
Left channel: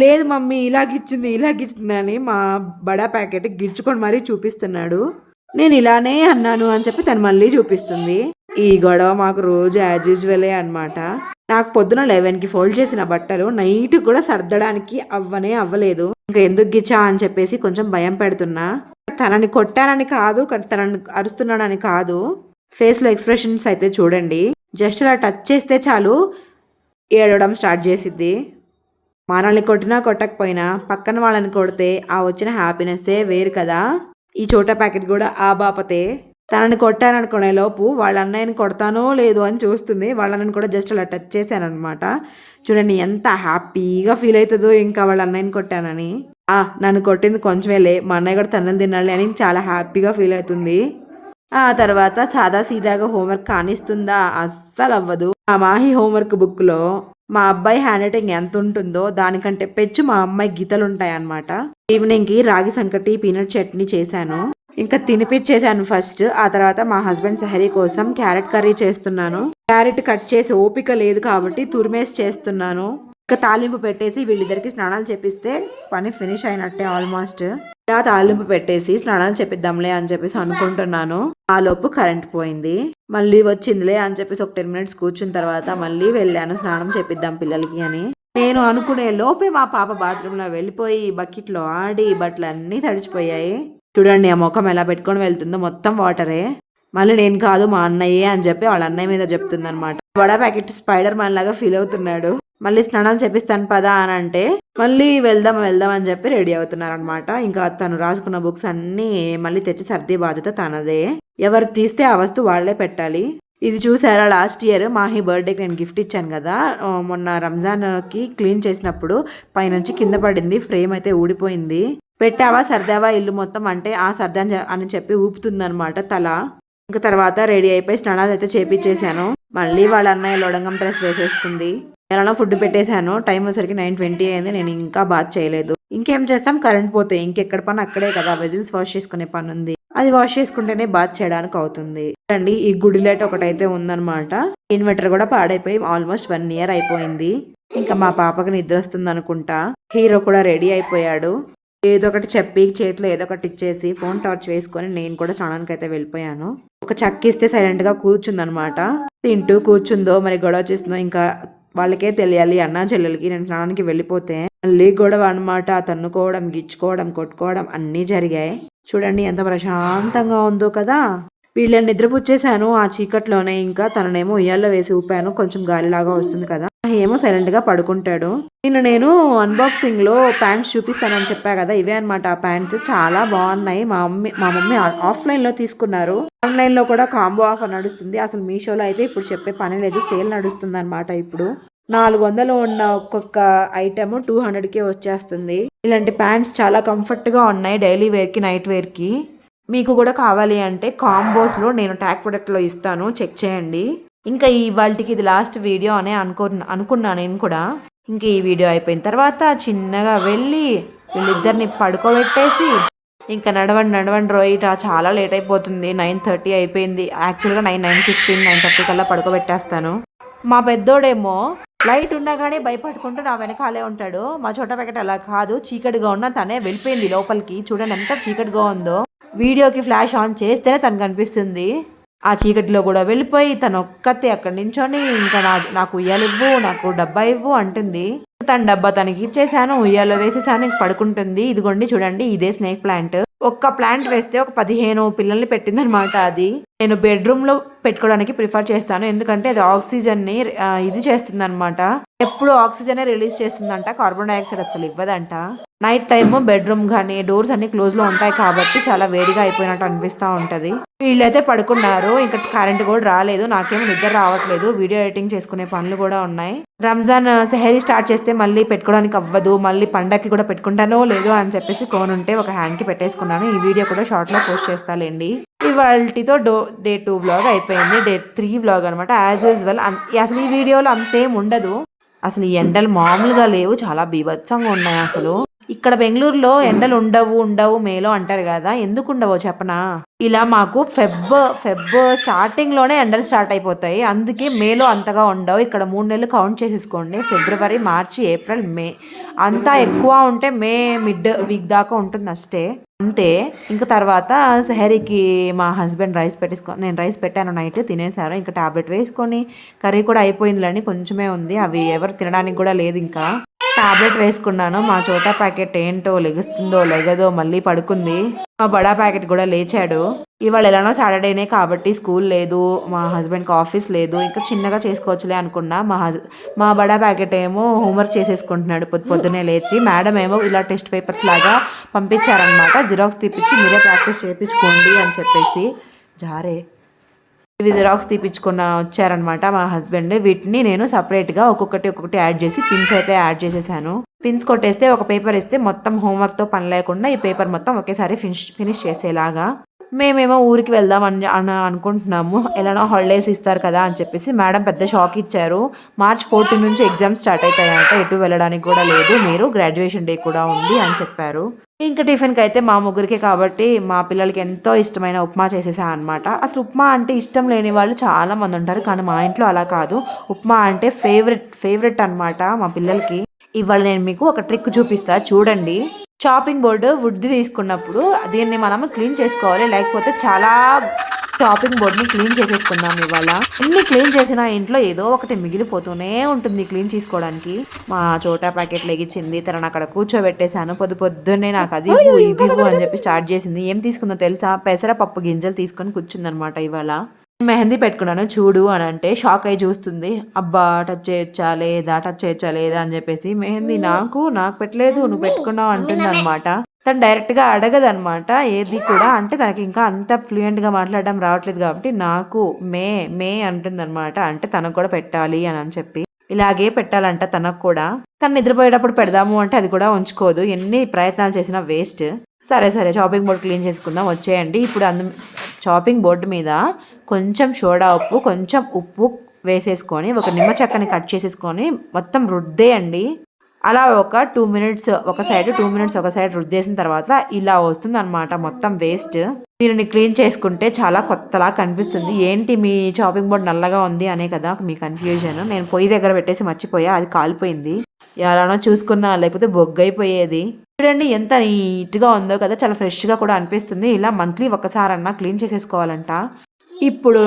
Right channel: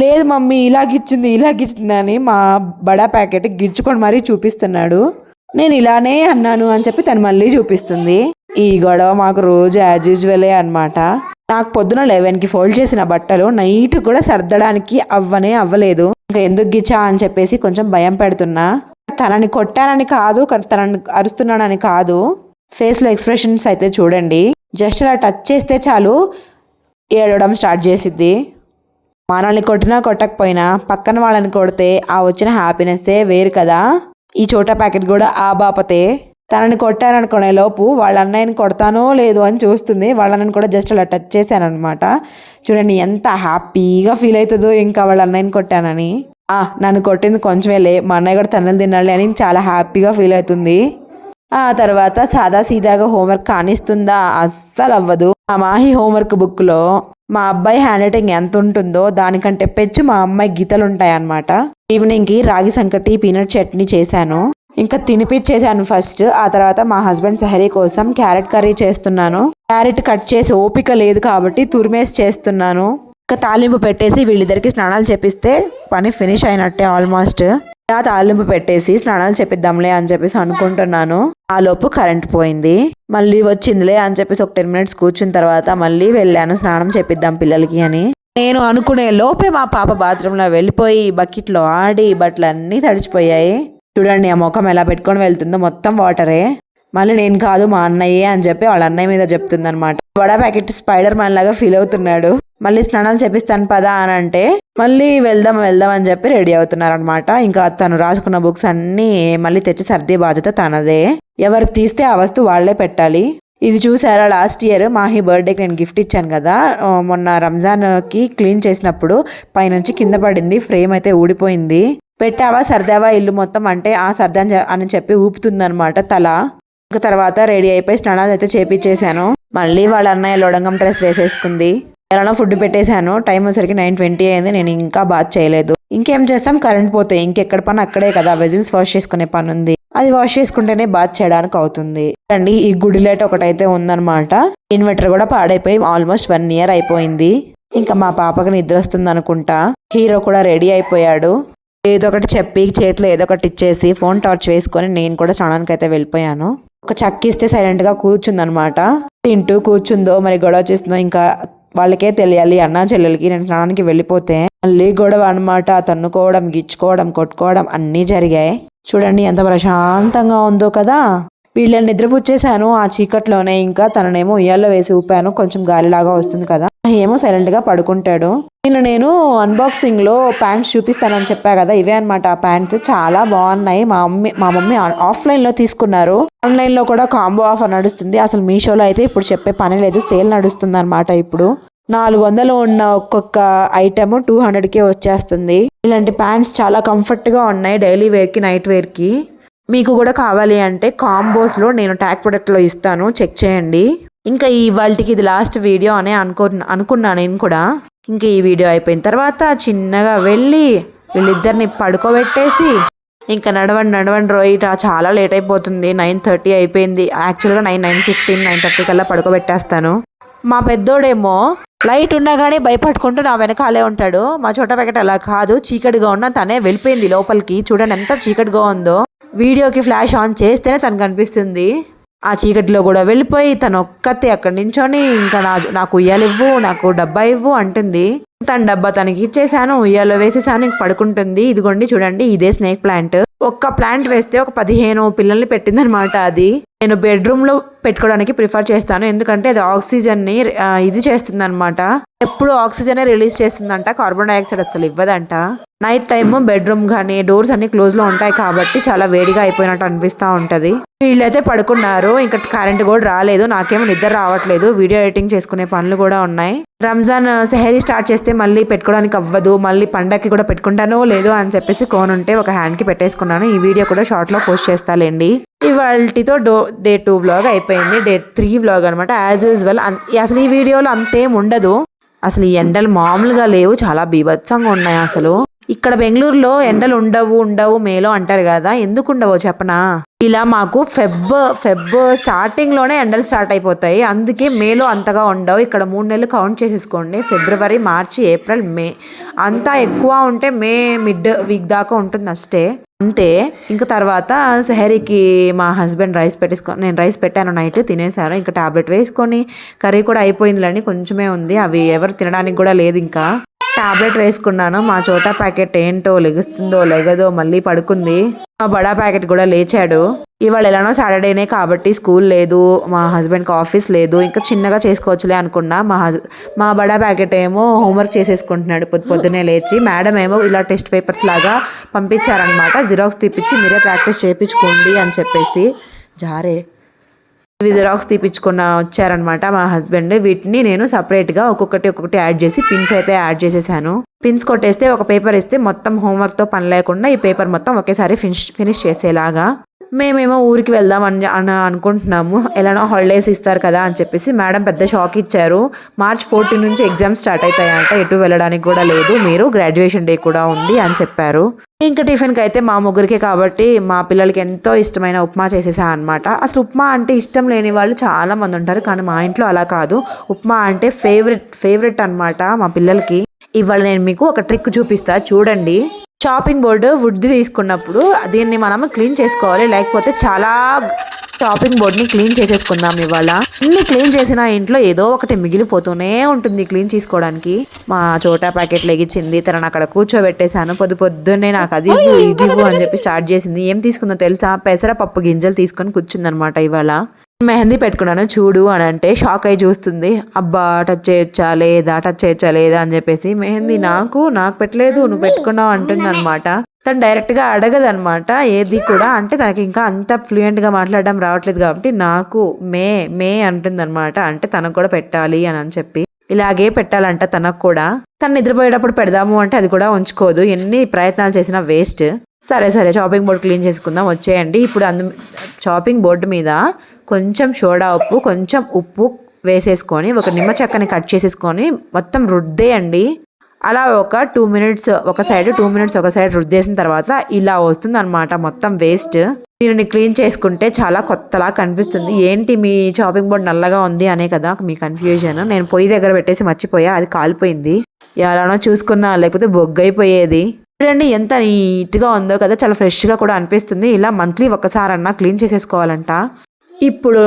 లేదు మమ్మీ ఇలాగిచ్చింది ఇలాగిచ్చింది అని మా బడా ప్యాకెట్ గిచ్చుకొని మరీ చూపిస్తున్నాడు. నేను ఇలానే అన్నాను అని చెప్పి తను మళ్ళీ చూపిస్తుంది. ఈ గొడవ మాకు రోజు యాజ్ యూజువలే అనమాట నాకు పొద్దున లెవెన్కి ఫోల్డ్ చేసిన బట్టలు నైట్ కూడా సర్దడానికి అవ్వనే అవ్వలేదు. ఇంకా ఎందుకు గిచ్చా అని చెప్పేసి కొంచెం భయం పెడుతున్నా. తనని కొట్టానని కాదు తనని అరుస్తున్నానని కాదు. ఫేస్లో ఎక్స్ప్రెషన్స్ అయితే చూడండి. జస్ట్ అలా టచ్ చేస్తే చాలు. ఏడవడం స్టార్ట్ చేసిద్ది. మనల్ని కొట్టినా కొట్టకపోయినా పక్కన వాళ్ళని కొడితే ఆ వచ్చిన హ్యాపీనెస్సే వేరు కదా. ఈ చోటా ప్యాకెట్ కూడా ఆ బాపతే. తనని కొట్టాననుకునే లోపు వాళ్ళ అన్నయ్యని కొడతానో లేదో అని చూస్తుంది. వాళ్ళ కూడా జస్ట్ అలా టచ్ చేశాను చూడండి ఎంత హ్యాపీగా ఫీల్ అవుతుందో ఇంకా వాళ్ళ అన్నయ్యని కొట్టానని. ఆ నన్ను కొట్టింది కొంచెమేలే మా అన్నయ్య కూడా తన్నులు తినాలి అని చాలా హ్యాపీగా ఫీల్ అవుతుంది. ఆ తర్వాత సాదా సీదాగా హోంవర్క్ కానిస్తుందా? అస్సలు అవ్వదు. ఆ మాహి హోంవర్క్ బుక్లో మా అబ్బాయి హ్యాండ్ రైటింగ్ ఎంత ఉంటుందో దానికంటే పెచ్చు మా అమ్మాయి గీతలు ఉంటాయన్నమాట ఈవినింగ్కి రాగి సంకటి పీనట్ చట్నీ చేశాను. ఇంకా తినిపించేశాను ఫస్ట్. ఆ తర్వాత మా హస్బెండ్ సహరీ కోసం క్యారెట్ కర్రీ చేస్తున్నాను. క్యారెట్ కట్ చేసి ఓపిక లేదు కాబట్టి తురిమేసి చేస్తున్నాను. ఇంకా తాలింపు పెట్టేసి వీళ్ళిద్దరికి స్నానాలు చేపిస్తే పని ఫినిష్ అయినట్టే ఆల్మోస్ట్. ఇలా తాలింపు పెట్టేసి స్నానాలు చేపిద్దాంలే అని చెప్పేసి అనుకుంటున్నాను. ఆ లోపు కరెంట్ పోయింది. మళ్ళీ వచ్చిందిలే అని చెప్పేసి ఒక టెన్ మినిట్స్ కూర్చున్న తర్వాత మళ్ళీ వెళ్ళాను స్నానం చేపిద్దాం పిల్లలకి అని. నేను అనుకునే లోపే మా పాప బాత్రూంలో వెళ్ళిపోయి బకెట్లో ఆడి బట్టలు అన్నీ తడిచిపోయాయి. చూడండి ఆ ముఖం ఎలా పెట్టుకొని వెళ్తుందో మొత్తం వాటరే. మళ్ళీ నేను కాదు మా అన్నయ్యే అని చెప్పి వాళ్ళ అన్నయ్య మీద చెప్తుంది అనమాట వడ ప్యాకెట్ స్పైడర్ మ్యాన్ లాగా ఫీల్ అవుతున్నాడు. మళ్ళీ స్నానాలు చేపిస్తాను పదా అని అంటే మళ్ళీ వెళ్దాం వెళ్దాం అని చెప్పి రెడీ అవుతున్నారు అనమాట ఇంకా తను రాసుకున్న బుక్స్ అన్నీ మళ్ళీ తెచ్చి సర్ది బాధ్యత తనదే. ఎవరు తీస్తే ఆ వస్తువు వాళ్ళే పెట్టాలి. ఇది చూసారా లాస్ట్ ఇయర్ మాహి బర్త్డేకి నేను గిఫ్ట్ ఇచ్చాను కదా. మొన్న రంజాన్కి క్లీన్ చేసినప్పుడు పైనుంచి కింద పడింది ఫ్రేమ్ అయితే ఊడిపోయింది. పెట్టావా సర్దావా ఇల్లు మొత్తం అంటే ఆ సర్దాని అని చెప్పి ఊపుతుందనమాట తల. ఇంకా తర్వాత రెడీ అయిపోయి స్నానాలు అయితే చేపించేశాను మళ్ళీ వాళ్ళ అన్నయ్య లోడంగం డ్రెస్ వేసేసుకుంది. ఎలానో ఫుడ్ పెట్టేశాను. టైం వచ్చేసరికి నైన్ ట్వంటీ అయింది. నేను ఇంకా బాత్ చేయలేదు. ఇంకేం చేస్తాం? కరెంట్ పోతే ఇంకెక్కడ పని? అక్కడే కదా. వెజిల్స్ వాష్ చేసుకునే పని ఉంది. అది వాష్ చేసుకుంటేనే బాత్ చేయడానికి అవుతుంది. అండి ఈ గుడి లైట్ ఒకటైతే ఉందన్నమాట. ఇన్వర్టర్ కూడా పాడైపోయి ఆల్మోస్ట్ వన్ ఇయర్ అయిపోయింది. ఇంకా మా పాపకి నిద్ర వస్తుంది అనుకుంటా హీరో కూడా రెడీ అయిపోయాడు. ఏదో ఒకటి చెప్పి చేతిలో ఏదో ఒకటి ఇచ్చేసి ఫోన్ టార్చ్ వేసుకొని నేను కూడా స్నానానికి అయితే వెళ్ళిపోయాను. ఒక చక్కిస్తే సైలెంట్గా కూర్చుందనమాట తింటూ కూర్చుందో మరి గొడవ చేస్తుందో ఇంకా వాళ్ళకే తెలియాలి. అన్నా చెల్లెలకి నేను స్నానానికి వెళ్ళిపోతే మళ్ళీ గొడవ అనమాట తన్నుకోవడం గిచ్చుకోవడం కొట్టుకోవడం అన్నీ జరిగాయి. చూడండి ఎంత ప్రశాంతంగా ఉందో కదా. వీళ్ళని నిద్రపుచ్చేసాను ఆ చీకట్లోనే. ఇంకా తననేమో ఉయ్యాల్లో వేసి ఊపాను. కొంచెం గాలిలాగా వస్తుంది కదా. ఏమో సైలెంట్గా పడుకుంటాడు. నేను నేను అన్బాక్సింగ్లో ప్యాంట్స్ చూపిస్తానని చెప్పా కదా ఇవే అనమాట ఆ ప్యాంట్స్ చాలా బాగున్నాయి. మా మమ్మీ మా మమ్మీ ఆఫ్లైన్లో తీసుకున్నారు. ఆన్లైన్లో కూడా కాంబో ఆఫర్ నడుస్తుంది. అసలు మీషోలో అయితే ఇప్పుడు చెప్పే పని లేదు. సేల్ నడుస్తుంది అనమాట ఇప్పుడు. నాలుగు వందలు ఉన్న ఒక్కొక్క ఐటమ్ టూ హండ్రెడ్కే వచ్చేస్తుంది. ఇలాంటి ప్యాంట్స్ చాలా కంఫర్ట్గా ఉన్నాయి డైలీ వేర్కి నైట్ వేర్కి. మీకు కూడా కావాలి అంటే కాంబోస్లో నేను ట్యాగ్ ప్రొడక్ట్లో ఇస్తాను. చెక్ చేయండి. ఇంకా ఈ వాళ్ళకి ఇది లాస్ట్ వీడియో అనే అనుకో అనుకున్నా నేను కూడా. ఇంకా ఈ వీడియో అయిపోయిన తర్వాత చిన్నగా వెళ్ళి వీళ్ళిద్దరిని పడుకోబెట్టేసి ఇంకా నడవండి నడవండి రోయిట చాలా లేట్ అయిపోతుంది. నైన్ థర్టీ అయిపోయింది. యాక్చువల్గా nine nine fifteen nine thirty కల్లా పడుకోబెట్టేస్తాను. మా పెద్దోడేమో లైట్ ఉన్నా కానీ భయపడుకుంటూ నా వెనకాలే ఉంటాడు. మా చోట పెకట అలా కాదు. చీకటిగా ఉన్న తనే వెళ్ళిపోయింది లోపలికి. చూడండి ఎంత చీకటిగా ఉందో. వీడియోకి ఫ్లాష్ ఆన్ చేస్తేనే తను కనిపిస్తుంది ఆ చీకటిలో కూడా వెళ్ళిపోయి తను ఒక్కతే అక్కడి నించొని ఇంకా నా నాకు ఉయ్యాలు ఇవ్వు నాకు డబ్బా ఇవ్వు అంటుంది. తన డబ్బా తనకి ఇచ్చేసాను ఉయ్యాలో వేసేసాను ఇంక పడుకుంటుంది. ఇదిగోండి చూడండి ఇదే స్నేక్ ప్లాంట్. ఒక్క ప్లాంట్ వేస్తే ఒక పదిహేను పిల్లల్ని పెట్టిందనమాట అది. నేను బెడ్రూమ్లో పెట్టుకోవడానికి ప్రిఫర్ చేస్తాను ఎందుకంటే అది ఆక్సిజన్ని ఇది చేస్తుంది అనమాట ఎప్పుడు ఆక్సిజనే రిలీజ్ చేస్తుందంట కార్బన్ డైఆక్సైడ్ అసలు ఇవ్వదంట. నైట్ టైమ్ బెడ్రూమ్ కానీ డోర్స్ అన్ని క్లోజ్లో ఉంటాయి కాబట్టి చాలా వేడిగా అయిపోయినట్టు అనిపిస్తూ ఉంటది. వీళ్ళైతే పడుకున్నారు ఇంకా కరెంట్ కూడా రాలేదు నాకేమో నిద్ర రావట్లేదు వీడియో ఎడిటింగ్ చేసుకునే పనులు కూడా ఉన్నాయి. రంజాన్ సెహరీ స్టార్ట్ చేస్తే మళ్ళీ పెట్టుకోవడానికి అవ్వదు మళ్ళీ పండక్కి కూడా పెట్టుకుంటానో లేదో అని చెప్పేసి కోన్ ఉంటే ఒక హ్యాండ్కి పెట్టేసుకున్నాను ఈ వీడియో కూడా షార్ట్లో పోస్ట్ చేస్తాలేండి. ఇవాళతో డో డే టూ వ్లాగ్ అయిపోయింది డే త్రీ వ్లాగ్ అనమాట యాజ్ యూజువల్ అసలు ఈ వీడియోలో అంతేం ఉండదు. అసలు ఈ ఎండలు మామూలుగా లేవు చాలా బీభత్సంగా ఉన్నాయి అసలు. ఇక్కడ బెంగళూరులో ఎండలు ఉండవు ఉండవు మేలో అంటారు కదా. ఎందుకు ఉండవో చెప్పనా? ఇలా మాకు ఫెబ్ ఫెబ్ స్టార్టింగ్లోనే ఎండలు స్టార్ట్ అయిపోతాయి. అందుకే మేలో అంతగా ఉండవు. ఇక్కడ మూడు నెలలు కౌంట్ చేసేసుకోండి. ఫిబ్రవరి మార్చి ఏప్రిల్ మే. అంతా ఎక్కువ ఉంటే మే మిడ్ వీక్ దాకా ఉంటుంది అష్టే అంతే. ఇంకా తర్వాత సెహరీకి మా హస్బెండ్ రైస్ పెట్టేసుకో నేను రైస్ పెట్టాను నైట్ తినేసాను ఇంకా టాబ్లెట్ వేసుకొని కర్రీ కూడా అయిపోయిందిలేండి కొంచెమే ఉంది. అవి ఎవరు తినడానికి కూడా లేదు ఇంకా. టాబ్లెట్ వేసుకున్నాను. మా చోటా ప్యాకెట్ ఏంటో లెగుస్తుందో లెగదో మళ్ళీ పడుకుంది. మా బడా ప్యాకెట్ కూడా లేచాడు. ఇవాళ ఎలానో సాటర్డేనే కాబట్టి స్కూల్ లేదు మా హస్బెండ్కి ఆఫీస్ లేదు ఇంకా చిన్నగా చేసుకోవచ్చులే అనుకున్నా. మా హస్ మా బడా ప్యాకెట్ ఏమో హోంవర్క్ చేసేసుకుంటున్నాడు. పొద్దు పొద్దునే లేచి మేడం ఏమో ఇలా టెస్ట్ పేపర్స్ లాగా పంపించారనమాట జిరాక్స్ తీపిచ్చి మీరే ప్రాక్టీస్ చేయించుకోండి అని చెప్పేసి జారే ఇవి జిరాక్స్ తీపించుకున్న వచ్చారనమాట మా హస్బెండ్. వీటిని నేను సపరేట్గా ఒక్కొక్కటి ఒక్కొక్కటి యాడ్ చేసి పిన్స్ అయితే యాడ్ చేసేసాను. పిన్స్ కొట్టేస్తే ఒక పేపర్ ఇస్తే మొత్తం హోంవర్క్తో పని లేకుండా ఈ పేపర్ మొత్తం ఒకేసారి ఫినిష్ ఫినిష్ చేసేలాగా. మేమేమో ఊరికి వెళ్దాం అని అని అనుకుంటున్నాము. ఎలానో హాలిడేస్ ఇస్తారు కదా అని చెప్పేసి మేడం పెద్ద షాక్ ఇచ్చారు. మార్చ్ ఫోర్టీన్ నుంచి ఎగ్జామ్స్ స్టార్ట్ అవుతాయంట. ఎటు వెళ్ళడానికి కూడా లేదు. మీరు గ్రాడ్యుయేషన్ డే కూడా ఉంది అని చెప్పారు. ఇంకా టిఫిన్కి అయితే మా ముగ్గురికి కాబట్టి మా పిల్లలకి ఎంతో ఇష్టమైన ఉప్మా చేసేసా అనమాట అసలు ఉప్మా అంటే ఇష్టం లేని వాళ్ళు చాలామంది ఉంటారు. కానీ మా ఇంట్లో అలా కాదు. ఉప్మా అంటే ఫేవరెట్ ఫేవరెట్ అన్నమాట మా పిల్లలకి. ఇవాళ నేను మీకు ఒక ట్రిక్ చూపిస్తా. చూడండి. చాపింగ్ బోర్డు వుడ్ది తీసుకున్నప్పుడు దీన్ని మనం క్లీన్ చేసుకోవాలి. లేకపోతే చాలా చాపింగ్ బోర్డ్ని క్లీన్ చేసేసుకుందాం ఇవాళ. ఎన్ని క్లీన్ చేసినా ఇంట్లో ఏదో ఒకటి మిగిలిపోతూనే ఉంటుంది క్లీన్ చేసుకోవడానికి. మా చోటా ప్యాకెట్ లెగిచ్చింది తనని అక్కడ కూర్చోబెట్టేశాను. పొద్దు పొద్దున్నే నాకు అది ఇవ్వు, అని చెప్పి స్టార్ట్ చేసింది. ఏం తీసుకుందో తెలుసా? పెసరపప్పు గింజలు తీసుకొని కూర్చుందనమాట ఇవాళ. మెహందీ పెట్టుకున్నాను చూడు అని అంటే షాక్ అయి చూస్తుంది. అబ్బా టచ్ చేయొచ్చా లేదా? టచ్ చేయొచ్చా లేదా అని చెప్పేసి మెహందీ నాకు నాకు పెట్టలేదు నువ్వు పెట్టుకున్నావు అంటుంది అనమాట తను డైరెక్ట్గా అడగదనమాట ఏది కూడా. అంటే తనకి ఇంకా అంత ఫ్లూయెంట్గా మాట్లాడడం రావట్లేదు కాబట్టి నాకు మే మే అంటుందన్నమాట. అంటే తనకు కూడా పెట్టాలి అని అని చెప్పి. ఇలాగే పెట్టాలంట తనకు కూడా. తను నిద్రపోయేటప్పుడు పెడదాము అంటే అది కూడా ఉంచుకోదు. ఎన్ని ప్రయత్నాలు చేసినా వేస్ట్. సరే సరే చాపింగ్ బోర్డ్ క్లీన్ చేసుకుందాం. వచ్చేయండి. ఇప్పుడు అందు చాపింగ్ బోర్డు మీద కొంచెం సోడా ఉప్పు కొంచెం ఉప్పు వేసేసుకొని ఒక నిమ్మ చెక్కని కట్ చేసేసుకొని మొత్తం రుద్దేయండి. అలా ఒక టూ మినిట్స్ ఒక సైడ్ టూ మినిట్స్ ఒక సైడ్ రుద్దేసిన తర్వాత ఇలా వస్తుంది అనమాట మొత్తం వేస్ట్ దీనిని క్లీన్ చేసుకుంటే చాలా కొత్తలా కనిపిస్తుంది. ఏంటి మీ షాపింగ్ బోర్డ్ నల్లగా ఉంది అనే కదా మీ కన్ఫ్యూజన్ నేను పొయ్యి దగ్గర పెట్టేసి మర్చిపోయా అది కాలిపోయింది. ఎలానో చూసుకున్నా లేకపోతే బొగ్గైపోయేది. చూడండి ఎంత నీట్గా ఉందో కదా చాలా ఫ్రెష్గా కూడా అనిపిస్తుంది. ఇలా మంత్లీ ఒకసారన్నా క్లీన్ చేసేసుకోవాలంట. ఇప్పుడు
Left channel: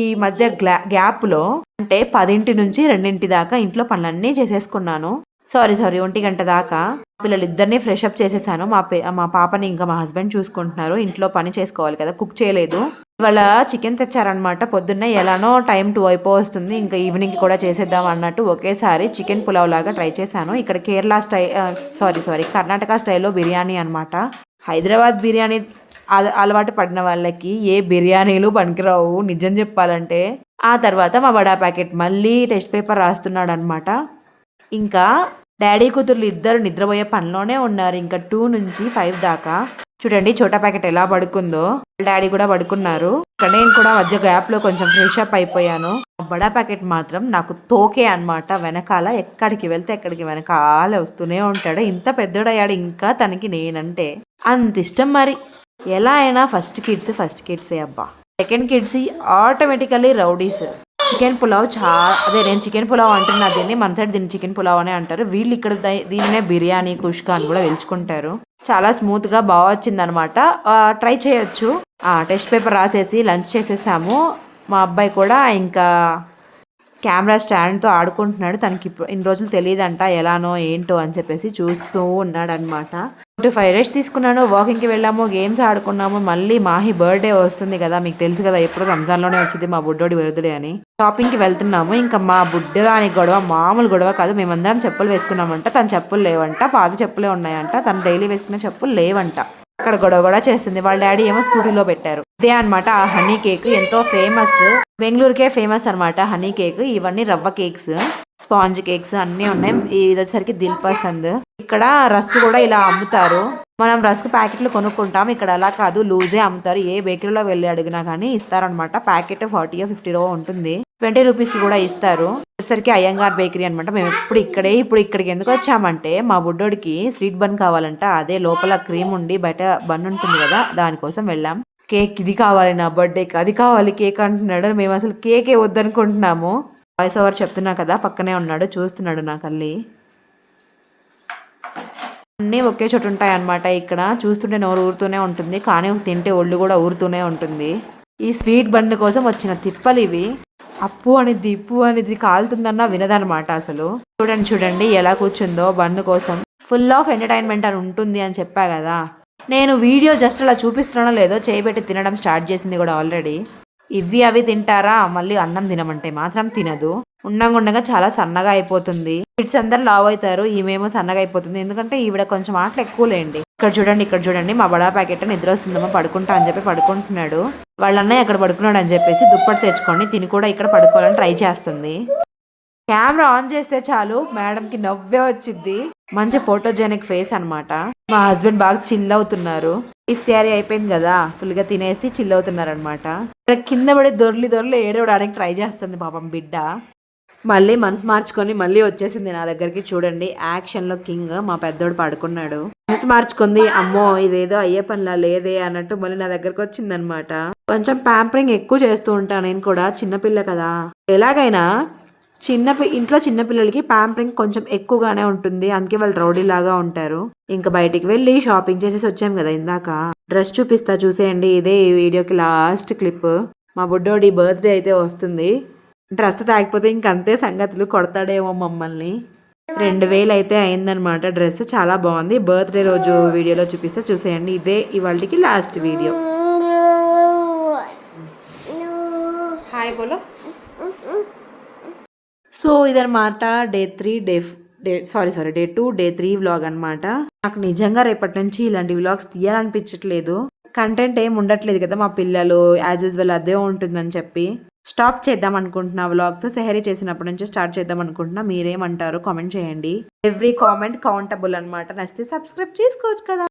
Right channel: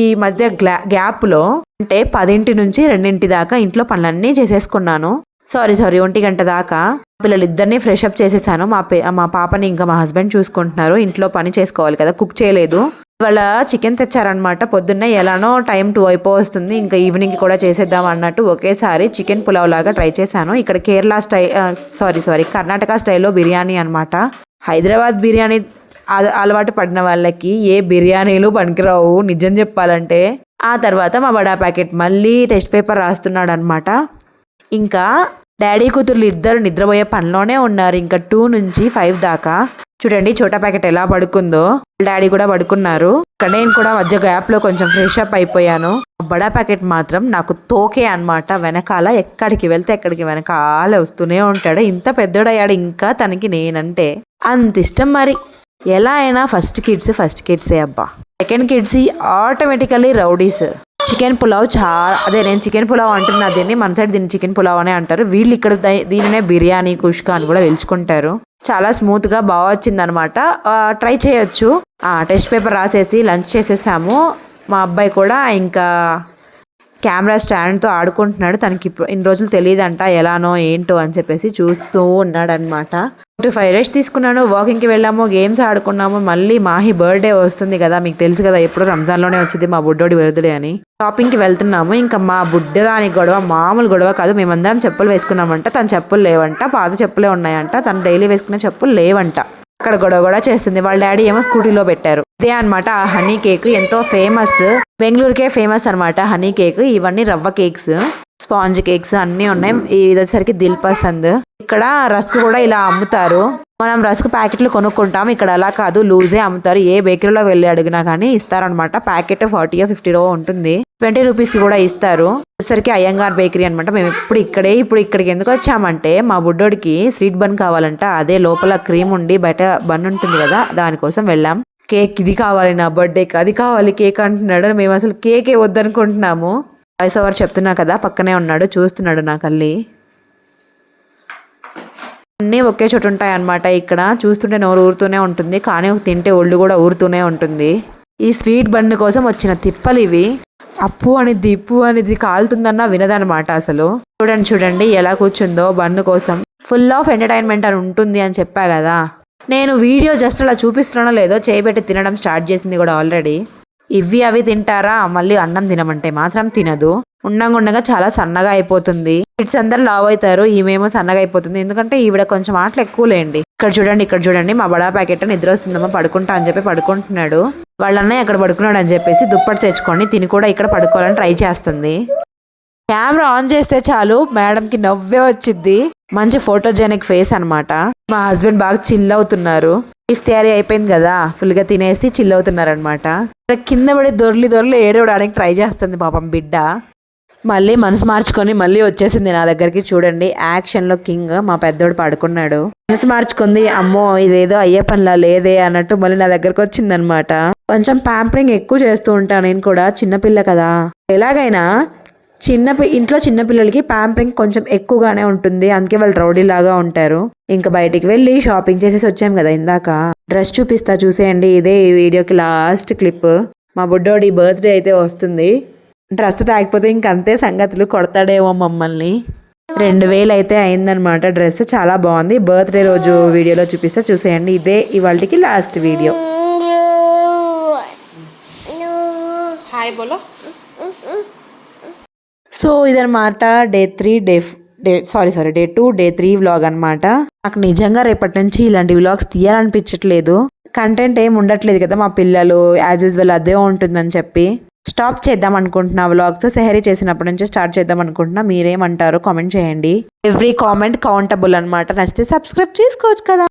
ఈ మధ్య గ్లా గ్యాప్లో అంటే పదింటి నుంచి రెండింటి దాకా ఇంట్లో పనులన్నీ చేసేసుకున్నాను. సారీ సారీ ఒంటి గంట దాకా పిల్లలిద్దరిని ఫ్రెష్ అప్ చేసేసాను. మా పే మా పాపని ఇంకా మా హస్బెండ్ చూసుకుంటున్నారు. ఇంట్లో పని చేసుకోవాలి కదా కుక్ చేయలేదు. ఇవాళ చికెన్ తెచ్చారనమాట పొద్దున్నే ఎలానో టైం టూ అయిపో వస్తుంది ఇంకా ఈవినింగ్ కూడా చేసేద్దాం అన్నట్టు ఒకేసారి చికెన్ పులావ్ లాగా ట్రై చేశాను. ఇక్కడ కేరళ స్టై సారీ సారీ కర్ణాటక స్టైల్లో బిర్యానీ అనమాట హైదరాబాద్ బిర్యానీ అల- అలవాటు పడిన వాళ్ళకి ఏ బిర్యానీలు పనికిరావు. నిజం చెప్పాలంటే ఆ తర్వాత మా బడా ప్యాకెట్ మళ్ళీ టెస్ట్ పేపర్ రాస్తున్నాడు అనమాట ఇంకా డాడీ కూతుర్లు ఇద్దరు నిద్రపోయే పనిలోనే ఉన్నారు. ఇంకా టూ నుంచి ఫైవ్ దాకా. చూడండి చోటా ప్యాకెట్ ఎలా పడుకుందో. డాడీ కూడా పడుకున్నారు. ఇక్కడ నేను కూడా మధ్య గ్యాప్లో కొంచెం ఫ్రెష్ అప్ అయిపోయాను. బడా ప్యాకెట్ మాత్రం నాకు తోకే అన్నమాట. వెనకాల ఎక్కడికి వెళ్తే ఎక్కడికి వెనకాల వస్తూనే ఉంటాడు. ఇంత పెద్దోడయ్యాడు ఇంకా తనకి నేనంటే. అంత ఇష్టం మరి. ఎలా అయినా ఫస్ట్ కిడ్స్ ఫస్ట్ కిడ్సే అబ్బా. Second kids automatically rowdies. Chicken pulao చాలా అదే నేను చికెన్ పులావ్ అంటున్నా దీన్ని మన సైడ్ దీన్ని చికెన్ పులావ్ అనే అంటారు. వీళ్ళు ఇక్కడ దీనినే బిర్యానీ కుష్కా అని కూడా పిలుచుకుంటారు. చాలా స్మూత్గా బాగా వచ్చిందనమాట. ట్రై చేయొచ్చు. టెస్ట్ పేపర్ రాసేసి లంచ్ చేసేసాము. మా అబ్బాయి కూడా ఇంకా కెమెరా స్టాండ్తో ఆడుకుంటున్నాడు. తనకి ఇప్పుడు ఇన్ని రోజులు తెలియదంట ఎలానో ఏంటో అని చెప్పేసి చూస్తూ ఉన్నాడనమాట. టు ఫైవ్ డేస్ తీసుకున్నాను వాకింగ్కి వెళ్ళాము గేమ్స్ ఆడుకున్నాము మళ్ళీ మాహి బర్త్డే వస్తుంది కదా మీకు తెలుసు కదా ఎప్పుడు రంజాన్లోనే వచ్చింది మా బుడ్డోడి బర్త్డే అని. షాపింగ్కి వెళ్తున్నాము ఇంకా మా బుడ్డదాని గొడవ మామూలు గొడవ కాదు మేమందరం చెప్పులు వేసుకున్నామంట తన చెప్పులు లేవంట పాత చెప్పులే ఉన్నాయంట తను డైలీ వేసుకునే చెప్పులు లేవంట. అక్కడ గొడవ కూడా చేస్తుంది వాళ్ళ డాడీ ఏమో స్కూటీలో పెట్టారు. ఇదే అన్నమాట ఆ హనీ కేక్ ఎంతో ఫేమస్ బెంగళూరుకే ఫేమస్ అన్నమాట హనీ కేక్ ఇవన్నీ రవ్వ కేక్స్ స్పాంజ్ కేక్స్ అన్నీ ఉన్నాయి. ఇది వచ్చేసరికి దిల్ పసంద్ ఇక్కడ రస్క్ కూడా ఇలా అమ్ముతారు. మనం రస్క్ ప్యాకెట్లు కొనుక్కుంటాం. ఇక్కడ అలా కాదు. లూజే అమ్ముతారు. ఏ బేకరీలో వెళ్ళి అడిగినా కానీ ఇస్తారనమాట ప్యాకెట్ ఫార్టీ ఫిఫ్టీలో ఉంటుంది. ట్వంటీ రూపీస్కి కూడా ఇస్తారు. వచ్చేసరికి అయ్యంగార్ బేకరీ అనమాట మేము ఎప్పుడు ఇక్కడే ఇప్పుడు ఇక్కడికి ఎందుకు వచ్చామంటే మా బుడ్డోడికి స్వీట్ బన్ కావాలంట. అదే లోపల క్రీమ్ ఉండి బయట బన్ ఉంటుంది కదా దానికోసం వెళ్ళాం. కేక్ ఇది కావాలి నా బర్త్డేకి. అది కావాలి కేక్ అంటున్నాడు. మేము అసలు కేకే వద్దనుకుంటున్నాము. వాయిస్ ఓవర్ చెప్తున్నా కదా పక్కనే ఉన్నాడు చూస్తున్నాడు నా కళ్ళి. అన్నీ ఒకే చోటు ఉంటాయన్నమాట ఇక్కడ. చూస్తుంటే నోరు ఊరుతూనే ఉంటుంది కానీ తింటే ఒళ్ళు కూడా ఊరుతూనే ఉంటుంది. ఈ స్వీట్ బండి కోసం వచ్చిన తిప్పలు ఇవి. అప్పు అనేది ఇప్పు అనేది కాలుతుందన్నా వినదనమాట అసలు. చూడండి చూడండి ఎలా కూర్చుందో బన్ను కోసం. ఫుల్ ఆఫ్ ఎంటర్టైన్మెంట్ అని ఉంటుంది అని చెప్పా కదా. నేను వీడియో జస్ట్ అలా చూపిస్తున్నానో లేదో చేయబెట్టి తినడం స్టార్ట్ చేసింది కూడా ఆల్రెడీ. ఇవి అవి తింటారా? మళ్ళీ అన్నం తినమంటే మాత్రం తినదు. ఉండంగా ఉండగా చాలా సన్నగా అయిపోతుంది. కిడ్స్ అందరు లావ్ అవుతారు. ఈమెమో సన్నగా అయిపోతుంది. ఎందుకంటే ఈవిడ కొంచెం ఆటలు ఎక్కువ లేండి. ఇక్కడ చూడండి ఇక్కడ చూడండి. మా బడా ప్యాకెట్ నిద్ర వస్తుందమ్మా పడుకుంటా అని చెప్పి పడుకుంటున్నాడు. వాళ్ళన్నయ్య అక్కడ పడుకున్నాడు అని చెప్పేసి దుప్పటి తెచ్చుకొని తిని కూడా ఇక్కడ పడుకోవాలని ట్రై చేస్తుంది. కెమెరా ఆన్ చేస్తే చాలు. మేడంకి నవ్వే వచ్చింది మంచి ఫోటోజెనిక్ ఫేస్ అనమాట మా హస్బెండ్ బాగా చిల్ అవుతున్నారు. ఇఫ్ తయారీ అయిపోయింది కదా ఫుల్గా తినేసి చిల్ అవుతున్నారు అనమాట ఇక్కడ కింద పడి దొర్లి దొర్లి ఏడవడానికి ట్రై చేస్తుంది పాపం బిడ్డ. మళ్ళీ మనసు మార్చుకొని మళ్ళీ వచ్చేసింది నా దగ్గరికి చూడండి. యాక్షన్లో కింగ్ మా పెద్దోడు పడుకున్నాడు. మనసు మార్చుకుంది అమ్మో ఇదేదో అయ్యే పనిలా లేదే అన్నట్టు మళ్ళీ నా దగ్గరకు వచ్చిందనమాట కొంచెం ప్యాంపరింగ్ ఎక్కువ చేస్తూ ఉంటాను నేను కూడా చిన్నపిల్ల కదా. ఎలాగైనా చిన్న పి- ఇంట్లో చిన్న పిల్లలకి ప్యాంపరింగ్ కొంచెం ఎక్కువగానే ఉంటుంది. అందుకే వాళ్ళు రౌడీ లాగా ఉంటారు. ఇంకా బయటికి వెళ్ళి షాపింగ్ చేసేసి వచ్చాం కదా ఇందాక. డ్రెస్ చూపిస్తా చూసేయండి. ఇదే ఈ వీడియోకి లాస్ట్ క్లిప్. మా బుడ్డోడి బర్త్డే అయితే వస్తుంది. డ్రెస్ తాగిపోతే ఇంకంతే సంగతులు. కొడతాడేమో మమ్మల్ని. రెండు వేలు అయితే అయిందనమాట. డ్రెస్ చాలా బాగుంది. బర్త్డే రోజు వీడియోలో చూపిస్తా చూసేయండి. ఇదే ఇవాళకి లాస్ట్ వీడియో. హాయ్ బోలో. సో ఇదనమాట day three day day sorry sorry day two day three vlog అనమాట నాకు నిజంగా రేపటి నుంచి ఇలాంటి వ్లాగ్స్ తీయాలనిపించట్లేదు. కంటెంట్ ఏం ఉండట్లేదు కదా మా పిల్లలు యాజ్ యూజువల్ అదే ఉంటుందని చెప్పి. స్టాప్ చేద్దాం అనుకుంటున్నా వ్లాగ్స్ సెహరీ చేసినప్పటి నుంచి స్టార్ట్ చేద్దాం అనుకుంటున్నా. మీరేమంటారో కామెంట్ చేయండి. ఎవ్రీ కామెంట్ కౌంటబుల్ అనమాట నచ్చితే సబ్స్క్రైబ్ చేసుకోవచ్చు కదా.